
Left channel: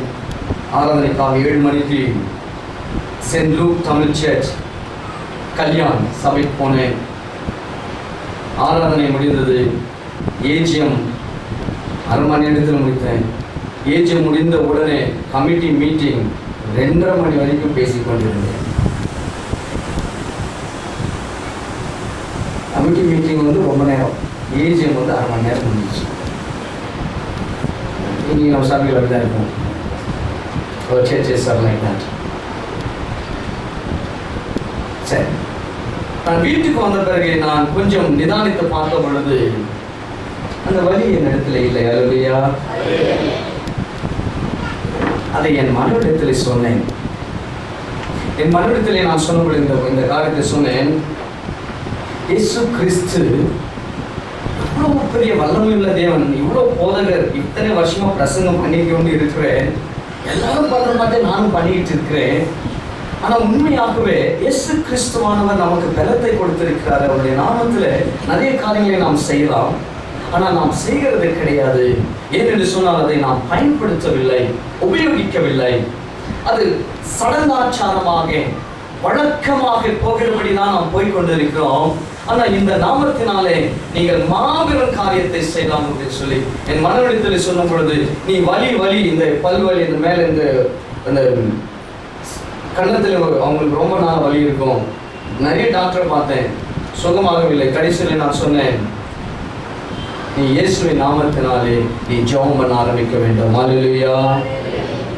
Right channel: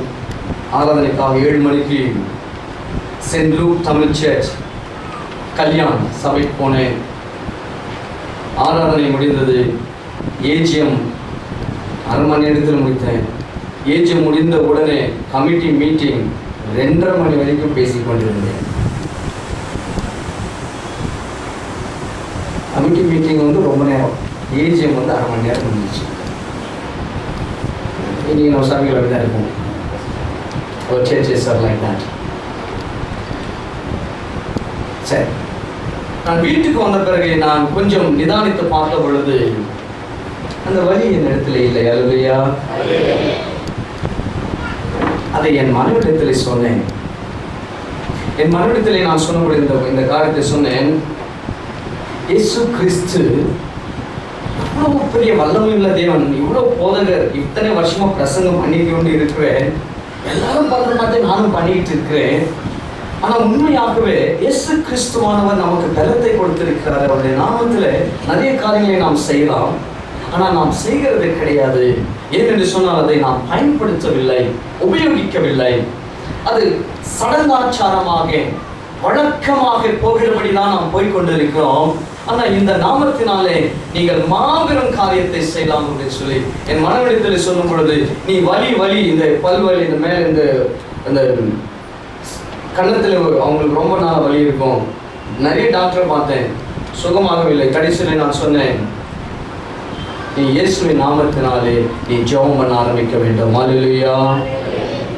ஆராதனைக்காக 7 மணிக்கு Saint Luke Tamil church Kalyan சபைக்கு போனேன். ஆராதனை முடிந்தது. ஏஜிஎம் அரை மணி நேரத்தில் முடித்தேன். ஏஜிஎம் முடிந்த உடனே கமிட்டி மீட்டிங் 2:30 மணி வரைக்கும் பேசிக் கொண்டிருந்தேன். கமிட்டி மீட்டிங் ரொம்ப நேரம், ஏஜிஎம் அரை மணி நேரம் முடிஞ்சிச்சு. இனி நம்ம சபையில் அப்படிதான் இருக்கும். ஒரு churches are like that. சரி, நான் வீட்டுக்கு வந்த பிறகு நான் கொஞ்சம் நிதானித்து பார்த்த பொழுது அந்த வலி என் இடத்துல இல்லை. அல்லேலூயா. அதை என் மனைவிடத்தில் சொன்னேன். என் மனைவிடத்தில் நான் சொன்ன இந்த காரியத்தை சொன்னேன். இயேசு கிறிஸ்து இவ்வளவு பெரிய வல்லமையுள்ள தேவன், இவ்வளவு போதகர், இத்தனை வருஷமா பிரசங்கம் பண்ணிட்டு கொண்டு இருக்கிறேன். எல்லாரும் பண்ற மாதிரி நானும் பண்ணிட்டு இருக்கிறேன். ஆனா உண்மையாகவே இயேசு கிறிஸ்துவானவர் நமக்கு பலத்தை கொடுத்திருக்கிறார். அவருடைய நாமத்துல நிறைய காரியங்களை நாம் செய்யலாம். ஆனா நாம் செய்கிறது கிடையாது. ஏனென்று சொன்னால் அதை நாம் பயன்படுத்தவில்லை, உபயோகிக்கவில்லை. அது சடங்காச்சாரமாக வழக்கமாக போகிறபடி தான் நாம் போய்கொண்டிருக்கிறோம். ஆனா இந்த நாமத்தினாலே நீங்கள் மாபெரும் காரியத்தை செய்யலாம் அப்படின்னு சொல்லி என் மனவெளித்தில் சொல்லும் பொழுது, நீ வலி இந்த பல்வலி, இந்த மேல இந்த கன்னத்தில் அவங்களுக்கு ரொம்ப நாள் வலி இருக்கும். நிறைய டாக்டரை பார்த்தேன், சுகமாகவில்லை. கடைசியில் நான் சொன்னேன், நீ இயேசுவின் நாமத்தினாலே நீ ஜெபம் பண்ண ஆரம்பிக்க வேண்டும். ஹல்லேலூயா,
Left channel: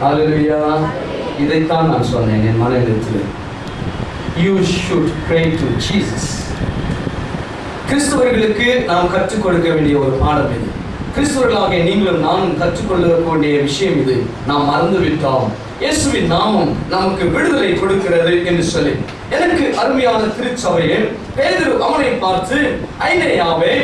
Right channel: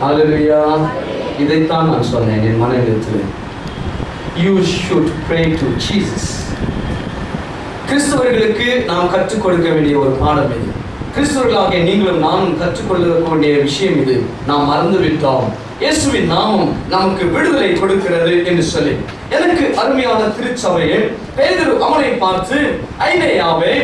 ஹல்லேலூயா. இதைத்தான் நான் சொன்னேன் என் மனதில். You should pray to Jesus. கிறிஸ்தவர்களுக்கு நாம் கற்றுக் கொடுக்க வேண்டிய ஒரு பாடம் இது. கிறிஸ்தவர்களாக நீங்களும் நானும் கற்றுக்கொள்ள வேண்டிய விஷயம் இது. நாம் மறந்துவிட்டோம். இயேசுவின் நாமம் நமக்கு விடுதலை கொடுக்கிறது என்று சொல்லி, எனக்கு அருமையான திருச்சபையே, பேதுரு அவனை பார்த்து, ஐனேயாவே,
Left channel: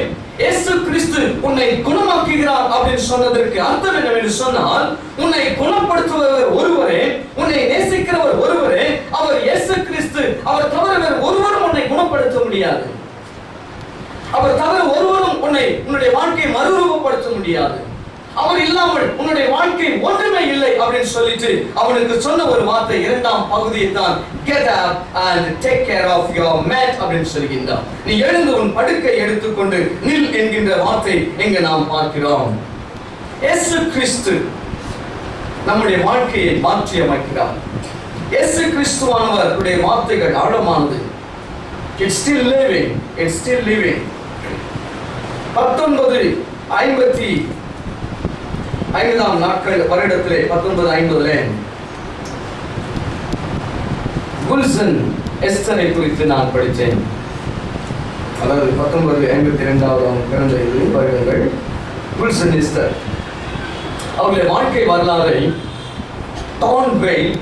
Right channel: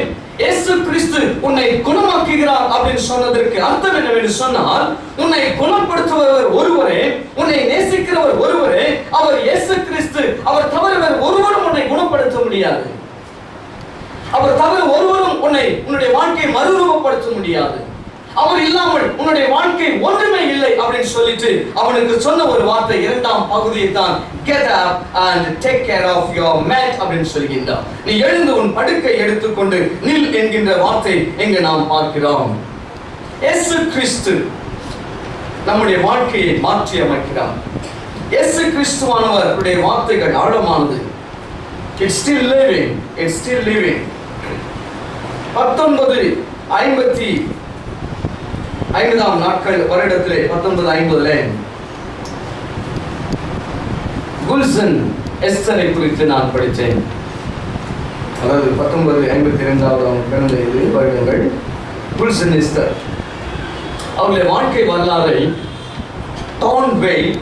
இயேசு கிறிஸ்து உன்னை குணமாக்குகிறார் அப்படின்னு சொன்னதற்கு அர்த்தம் என்னவென்று சொன்னால், உன்னை குணப்படுத்துபவர் ஒருவரே, உன்னை நேசிக்கிறவர் ஒருவரே, அவர் இயேசு கிறிஸ்து. அவர் தவிர ஒருவரும் உன்னை குணப்படுத்த முடியாது. அவர் தவிர ஒருவரும் உன்னுடைய வாழ்க்கையை மறுரூபப்படுத்த முடியாது. அவர் இல்லாமல் உன்னுடைய வாழ்க்கை ஒன்றுமே இல்லை அப்படின்னு சொல்லிட்டு அவனுக்கு சொன்ன ஒரு வார்த்தை, 2ஆம் பகுதியை தான், get up and take care of your mat அப்படின்னு சொல்கின்றார். நீ எழுந்து உன் படுக்கை எடுத்துக்கொண்டு நில் என்கின்ற வார்த்தை இங்கு நாம் பார்க்கிறோம். இயேசு கிறிஸ்து நம்முடைய வாழ்க்கையை மாற்றி அமைக்கிறார். இயேசு கிறிஸ்துவானவருடைய வார்த்தைகள் ஆழமானது. It's still living. 1955 நாட்கள் வருடத்திலே 1950 குல்சன் எஸ்தரை குறித்து நான் படித்தேன். அதாவது 1952 பிறந்த வருடங்கள். குல்சன் எஸ்தர் அவருடைய வாழ்க்கை வரலாறை டான் வெயில்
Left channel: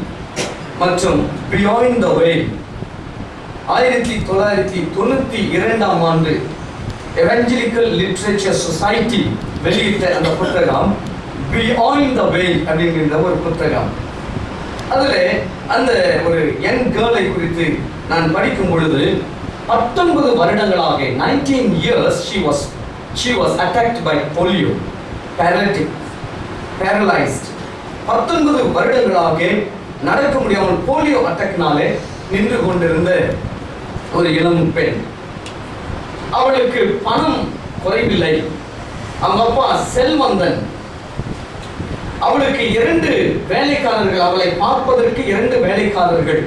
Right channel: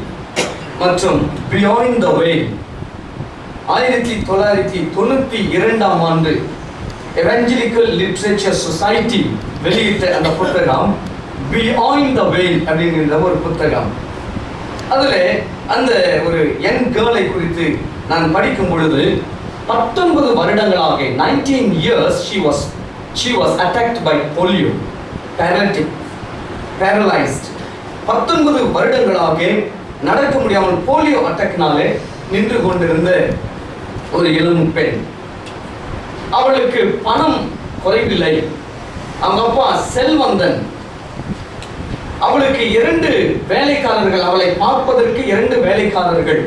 மற்றும் பியாண்ட் த வெயில் 1992 ஆண்டு எவஞ்சலிக்கல் லிட்ரேச்சர் சொசைட்டி வெளியிட்ட அந்த புத்தகம் பியாண்ட் த வெயில் அப்படிங்கிற ஒரு புத்தகம். அதுல அந்த ஒரு யங் கேர்ளை குறித்து நான் படிக்கும் பொழுது, 19 வருடங்களாக 19 years she was attacked by polio, paralyzed. 19 வருடங்களாக நடக்க முடியாமல் போலியோ அட்டாக்னாலே நின்று கொண்டிருந்த ஒரு இளம் பெண். அவளுக்கு பணம் குறைவில்லை. அவங்க அப்பா செல்வந்தன். அவளுக்கு 2 வேலைக்காரர்கள், அவளை பார்ப்பதற்கு 2 வேலைக்காரர்கள்.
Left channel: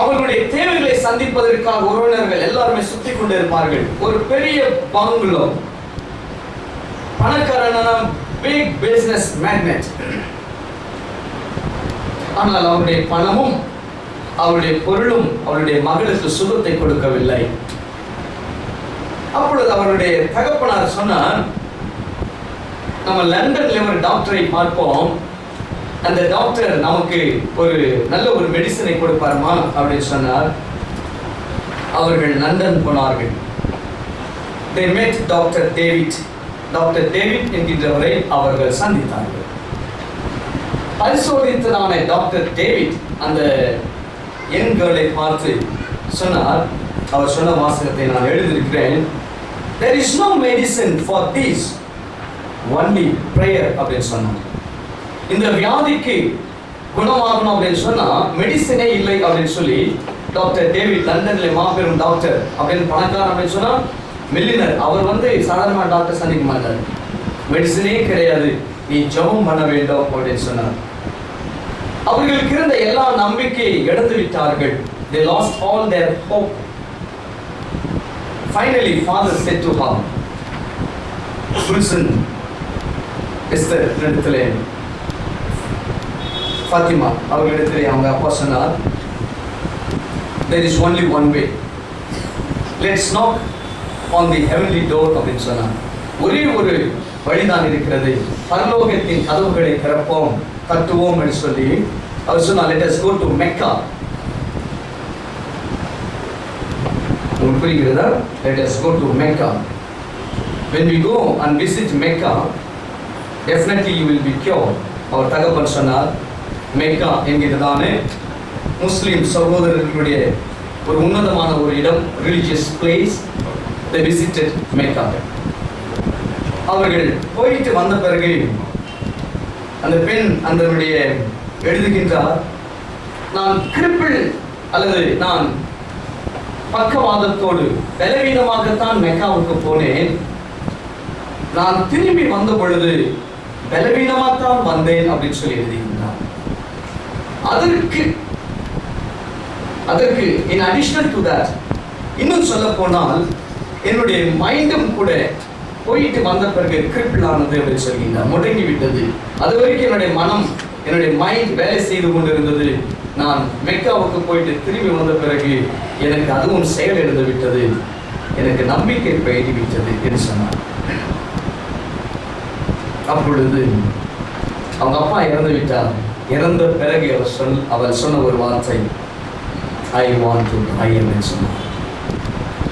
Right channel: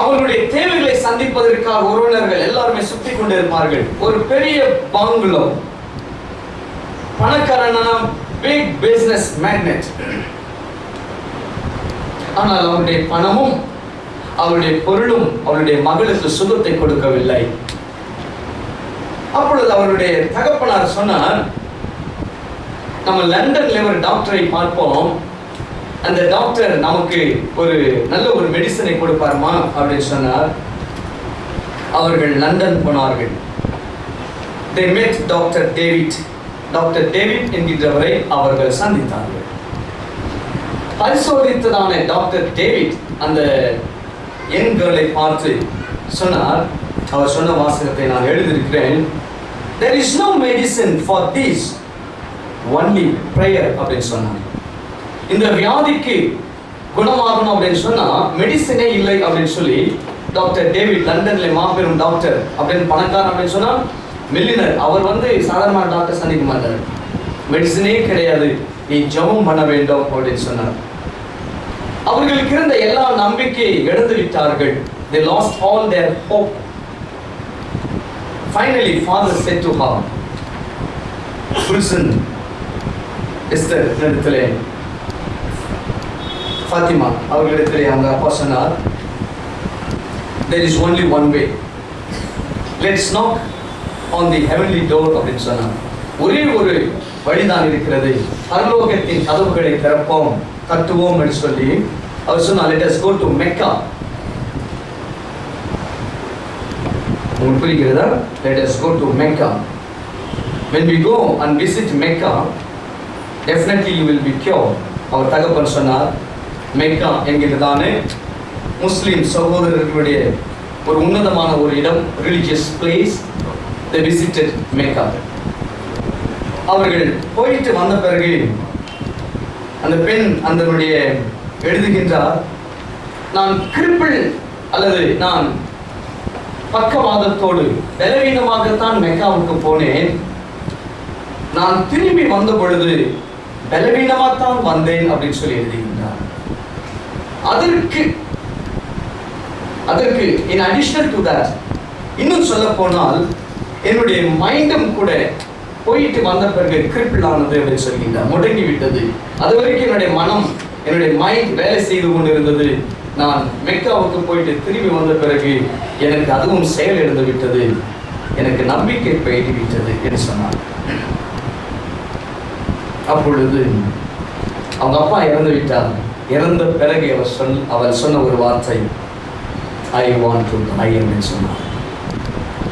அவளுடைய தேவைகளை சந்திப்பதற்காக உறவினர்கள் எல்லாருமே சுத்தி கொண்டிருப்பார்கள். ஒரு பெரிய பங்களோ, பணக்காரனான பிக் பிசினஸ் மேக்னெட். ஆனால் அவருடைய பணமும் அவருடைய பொருளும் அவருடைய மகளுக்கு சுகத்தை கொடுக்கவில்லை. அப்பொழுது அவருடைய தகப்பனார் சொன்னார், நம்ம லண்டன்ல ஒரு டாக்டரை பார்ப்போம், அந்த டாக்டர் நமக்கு ஒரு நல்ல ஒரு மெடிசனை கொடுப்பாருமா அப்படின்னு சொன்னார். அவர்கள் லண்டன் போனார்கள். they met டாக்டர் டேவிட் என்கின்றவரை அவர்கள் சந்தித்தார்கள். பரிசோதித்ததான டாக்டர் டேவிட் அந்த யங் கேர்ளை பார்த்து சொன்னார், அவர் சொன்ன வாசகத்தை நான் எழுதியிருக்கிறேன். there is no medicine for this, only prayer அப்படின்னு சொன்னார். இந்த வியாதிக்கு குணமாகணும் அப்படின்னு சொன்னா மெடிசனே இல்லை அப்படின்னு சொல்லி டாக்டர் டேவிட் லண்டன்ல மாபெரும் டாக்டர் அப்படின்னு பணக்காரன் அப்படின்னு சொன்னா மில்லினர், அவர் சாதாரண டாக்டர் சந்திக்க மாட்டார். மெடிசனே கிடையாது, நீ ஜெபம் பண்ண வேண்டும் அப்படின்னு சொன்னார். அவர்களுக்கு இருந்த எல்லா நம்பிக்கையை இழந்து விட்டார்கள். They lost all their hope. Finally, father said to her, Wilson, Esther இடத்திலே ஃபாத்திமா அவர்களிடத்திலே அவங்க அப்பா சொன்னார், there is only one way. Let's knock on the heavenly door அப்படின்னு சொன்னார். ஒரே ஒரு வழிதான் இருக்கிறது, பரலோகத்தின் கதவுகளை திறப்போம், தட்டுவோம் என்று சொல்லி அவர் சொன்னார், let us go to Mecca. உங்களுக்கு புரிகிறதா? Let us go to Mecca. When we go and visit Mecca, definitely you will be cured. அவர் தகப்பன் சொன்னார், மெக்கா என்கிறதானே முஸ்லிம் சகோதரர்களுடைய ஒரு உன்னதமான ஒரு இடம், religious place. They visited Mecca. அவர்கள் போயிட்டு வந்த பிறகு அந்த பெண் அதனுடைய எழுதுகின்றார், நான் கிரிப்பிள் அல்லது நான் பக்கவாதத்தோடு பலவீனமாகத்தான் மெக்காவுக்கு போனேன். நான் திரும்பி வந்த பொழுது பலவீனமாகத்தான் வந்தேன் அப்படின்னு சொல்லி எழுதுகின்றார். அதற்கு in addition to that, இன்னும் சொல்ல போனால் என்னுடைய மைண்டும் கூட போயிட்டு வந்த பிறகு கிரிப்பிள் ஆனது அப்படின்னு சொல்கின்றார், முடங்கி விட்டது. அது வரைக்கும் என்னுடைய மனம், என்னுடைய மைண்ட் வேலை செய்து கொண்டிருந்தது. நான் மெக்காவுக்கு போயிட்டு திரும்பி வந்த பிறகு எனக்கு அதுவும் செயல் இழந்து விட்டது, எனக்கு நம்பிக்கை போயிட்டு விட்டது என்று சொன்னார். அப்பொழுது அவங்க அப்பா இறந்து விட்டார். இறந்த பிறகு அவள் சொன்ன ஒரு வார்த்தை, I want to die என்று சொன்னார்.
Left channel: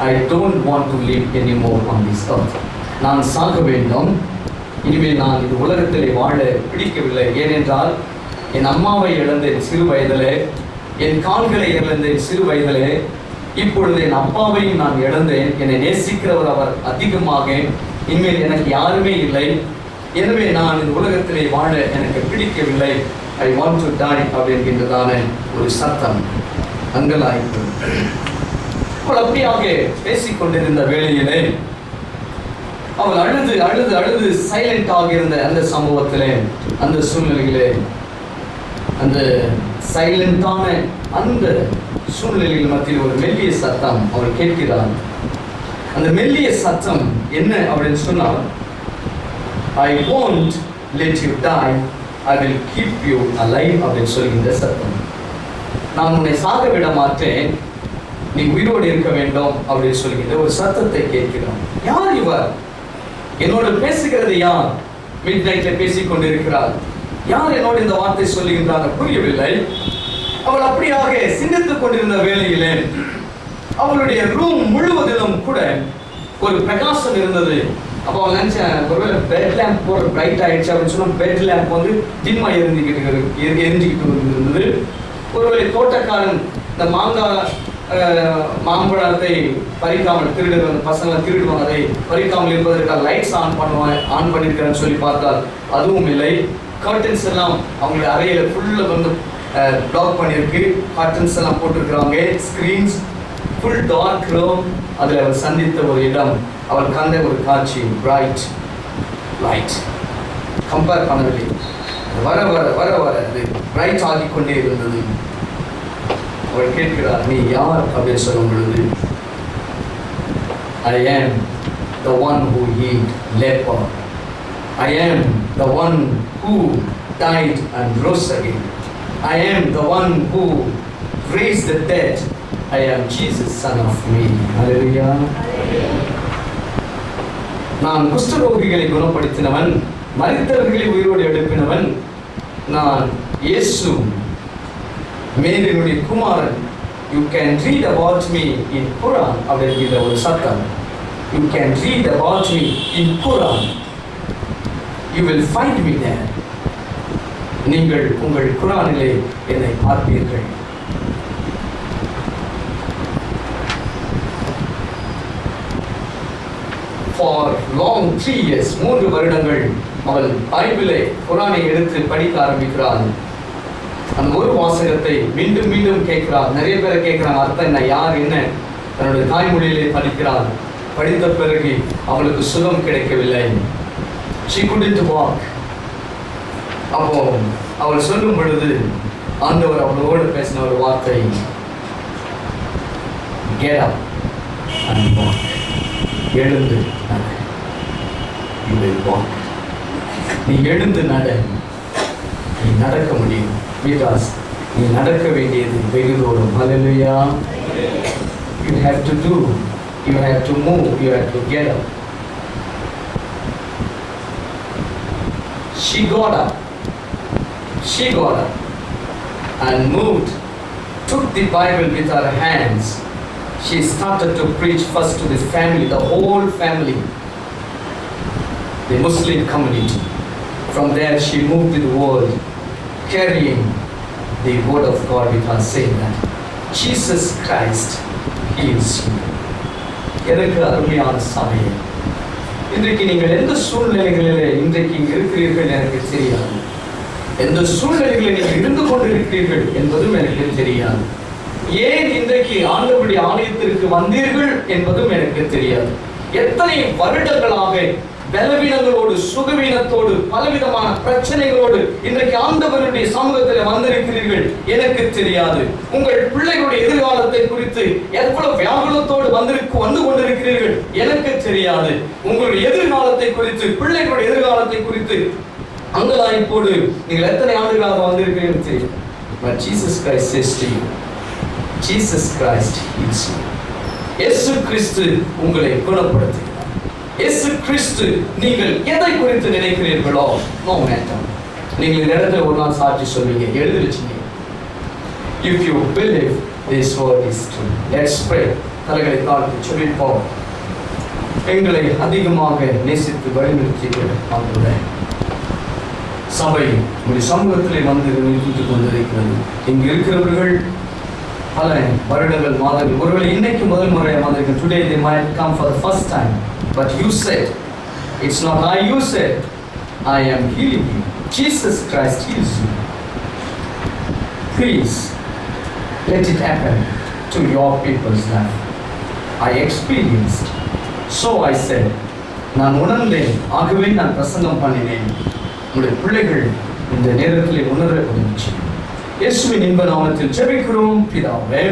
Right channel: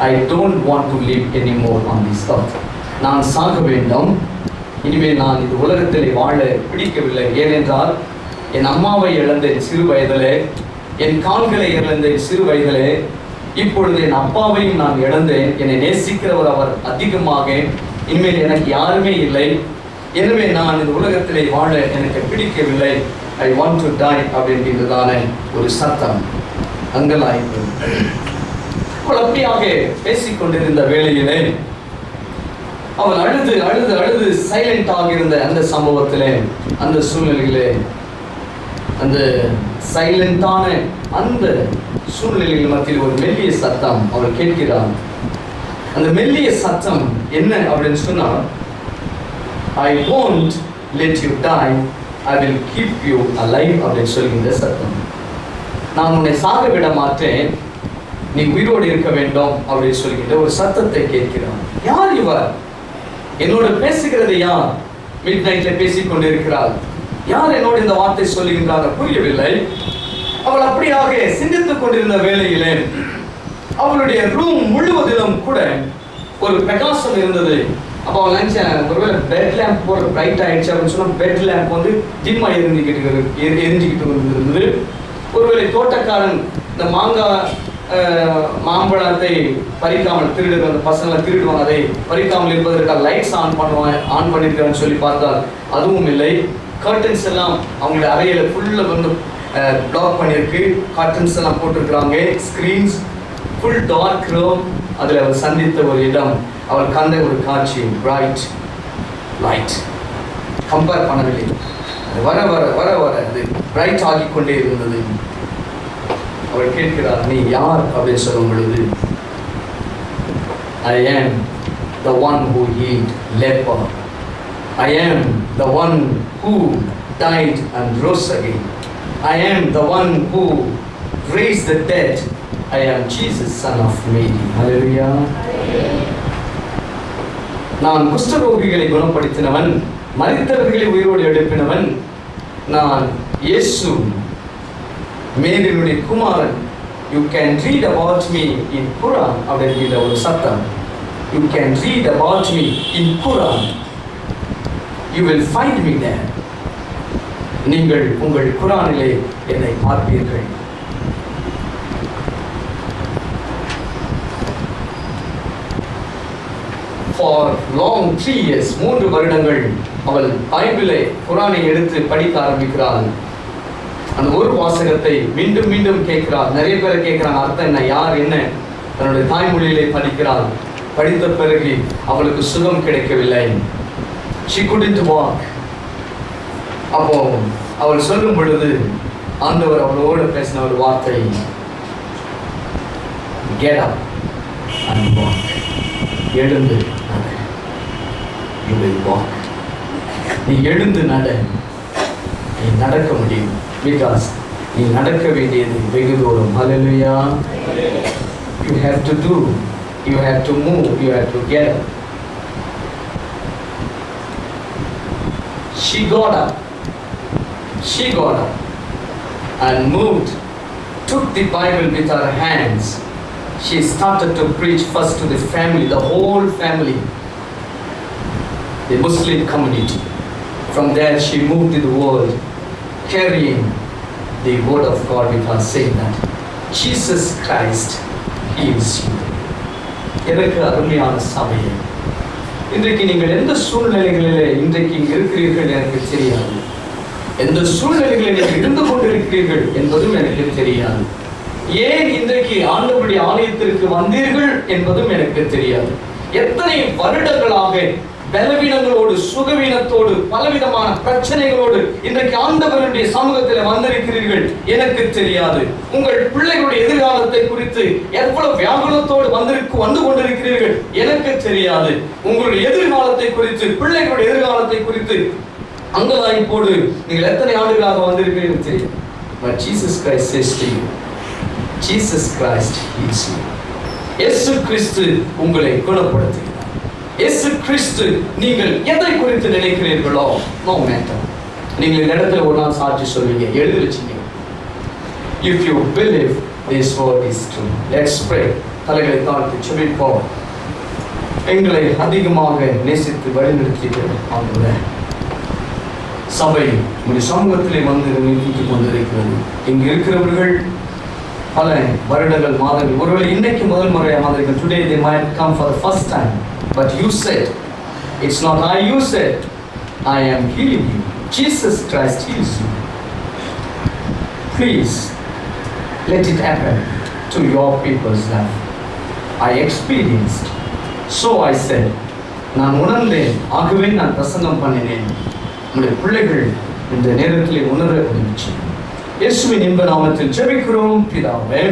I don't want to live anymore on this earth. நான் சாக வேண்டும், இனிமேல் நான் இந்த உலகத்தில் வாழ பிடிக்கவில்லை. ஏனென்றால் என் அம்மாவை இழந்தேன் சிறு வயதிலே, என் கால்களை இழந்தேன் சிறு வயதிலே, இப்பொழுது என் அப்பாவையும் நான் இழந்தேன். என்னை நேசிக்கிறவர் அவர் அதிகமாக, இனிமேல் எனக்கு யாருமே இல்லை. எனவே நான் இந்த உலகத்திலே வாழ எனக்கு பிடிக்கவில்லை. I want to die அப்படின்றதான ஒரு சத்தம் அங்கலாய்ப்பு. அவள் அப்படியாக பேசிக்கொண்டிருந்த வேளையிலே அவள் அழுது அழுது அழுது சைலண்ட் ஆகியிருந்த அந்த சம்பவத்திலே, அந்த சூழ்நிலையிலே, அந்த சைலண்டான அந்த சூழ்நிலைகள் மத்தியில் ஒரு மெல்லிய சத்தம் அவள் கேட்கிறாள். அந்த மெல்லிய சத்தம் என்ன அப்படின்னு சொன்னால், I won't let you die, I will keep you alive அப்படின்னு சொல்கின்ற சத்தம். நான் உன்னை சாக விட மாட்டேன், நீ உயிரோடு இருக்க வேண்டும் அப்படின்னு சொல்கின்ற ஒரு சத்தத்தை கேட்கிறான். யார் இவர்? என்னோடு பேசுகிறது யார்? மிட் நைட்ல பேசிக் கொண்டிருக்கிறாள். யார் என்னோடு இந்த வார்த்தை சொல்லுகின்றாங்க? புரியவில்லை. அவள் அப்படியாக சிந்தித்துக் கொண்டிருந்த வேளையிலே அவளுடைய ரூம் முழுவதிலும் கூட ஒரு பிரகாசம் இருந்தது. அப்போ அவள் நினைச்சேன், ஒருவேளை பெட் லேம்ப் போற பிரைட் ஆயிடுச்சு அப்படின்னு சொன்னா பெட் லேம்ப் டிம்மா எரிஞ்சுக்கிட்டு இருந்தது. ஒருவேளை தோட்டக்காரன் இந்த மாம்பழத்தை பறிக்காமல் திருடுற அந்த பசங்களை திருடுவாங்க, அதை பறிக்காமல் இருப்பதற்காக லைட்ஸ் ஆன் பண்ணியிருக்கிறான்னு சொல்லி பார்த்தால் அதுவும் இல்லை. கர்டன்ஸ் எல்லாம் அவங்களுடைய அறையில ஃபுல்லாக பிளாக் பண்ணியிருக்கு. கர்டன்ஸ் எல்லாம் போட்டிருக்கிறாங்க. Screens full dark room. அதில் அவள் சந்தித்த ஒரு இடம், அவள் கண்ட ஒரு காட்சி, பிரைட் லைட். கம்பேர் பண்ணவில்லை, வர வர வர வர அது பிரைட் ஆகி கொண்டே இருந்தது. அவள் கேட்கிறார், நீ யார் அப்படின்னு சொல்லும் பொழுது, I am the one who healed leper. I am the one who died and rose again. I am the one who raised the dead. I am Jesus, son of Mary. Hallelujah. நான் குஷ்டரோகிகளை குணப்படுத்தினவன், மரித்தவர்களை உயிரோடு எழுப்பினவன் நான் இயேசு, மேரியுடைய குமாரன். You can read about me in Quran அப்படிங்கிற ஒரு சத்தம். You can read about me in Quran. You will find me there. நீங்கள் உங்கள் குரானிலே என்னை பார்ப்பீர்கள். for long 3 years, 3 வருடங்கள் அவள் பைபிளை குரானை எடுத்து படிக்க ஆரம்பிக்கிறாள். அந்த ஒரு வாசகத்தை மீண்டும் மீண்டும் கேட்கிறாள். நிறைய பேரை கேட்கிறாங்க, அர்த்தம் என்ன, யார் என்ன, தன்னுடைய தாய்மொழியிலே படிக்கிறாள். படித்த பிறகு அவளுக்கு சுகம் கிடைக்கவில்லை. she couldn't walk. அப்போ அவள் சொல்லும் பொழுது ஆண்டவர் அவளோடு பேசின ஒரு வார்த்தை, get up and walk. எழுந்து நட. you will walk. நீ எழுந்து நட, நீ நடக்க முடியும். because நீ நடக்க வேண்டியது வெகு தூரம். Hallelujah. You have to do, you have to move, you have to get up. She got up and moved, took the Bible with her hands. She started to preach first to the family, the whole family, the Muslim community. From there she moved to the world, carrying the word of God with her, saying that Jesus Christ heals you. எனக்கு அருமையான சபையே, இன்றைக்கு நீங்கள் எந்த சூழ்நிலைகளிலே இன்றைக்கு இங்கு இருக்கிறீர்கள் எனக்கு தெரியாது. எந்த சூழ்நிலைகளில் நீங்கள் இருந்து கொண்டிருக்கிறீர்கள் என்பதும் எனக்கு தெரியாது. ஏன் இன்றைக்கு ஆண்டவருடைய ஆலயத்திற்கு வந்தீர்கள் என்பதும் எனக்கு தெரியாது. எத்தனை வருடங்களாக பலவீனங்களோடு, சுகவீனத்தோடு, பலவிதமான பிரச்சனைகளோடு இன்றைக்கு ஆண்டவருடைய சமூகத்தில் வந்திருக்கிறீர்கள் எனக்கு தெரியாது. உங்கள் பிள்ளைகளுடைய எதிர்காலத்தை குறித்து எவ்வளவு வியாகுலத்தோடு வந்து கொண்டிருக்கிறீர்கள் எனக்கு தெரியாது. உங்களுடைய எதிர்காலத்தை குறித்து, பிள்ளைகளுடைய எதிர்காலத்தை குறித்து அங்கலாய்ப்போடு நீங்கள் எத்தனை ஆண்டுகளாக வந்திருக்கிறீர்கள் தெரியும். But Jesus Christ says to you, Jesus Christ heals you. இயேசு கிறிஸ்து உங்களை குணப்படுத்துகிறார். இயேசு கிறிஸ்து நீங்கள் எதை குறித்து நினைக்கிறீர்களோ, நோ மேட்டர். நீங்கள் இந்த இடத்துல ஒரு நாள் சாட்சி சொல்வீங்க, எழுதி வச்சுங்க. If you believe this word is true, let's pray. தலைகளை தாழ்த்தி ஜெபிப்போம். எங்களை அதிகமாக நேசித்து வழிநடத்துகிற ஆண்டவரே, சபை உங்களுடைய சமூகத்திலே வந்து நிறுத்திக் கொண்டிருக்கிறது. இங்கு இருக்கிறவர்கள் பல வருடங்கள், மாதங்கள், ஒருவேளை இன்னைக்கு முதல் முறையாக வந்திருக்கிறது. Today they might come for the first time, but you said, it's not I, you said, I am healing you. Jesus Christ heals you. Please let it happen to your people's life. I experienced, so I said, நான் உணர்ந்தேன், ஆகவே நான் பிரசங்கம் பண்ணினேன். உங்களுடைய பிள்ளைகள் இந்த நேரத்தில் உணர உதவி செய்யும். இயேசுவின் இன்ப நாமத்தில் ஜெபிக்கிறோம் பிதாவே.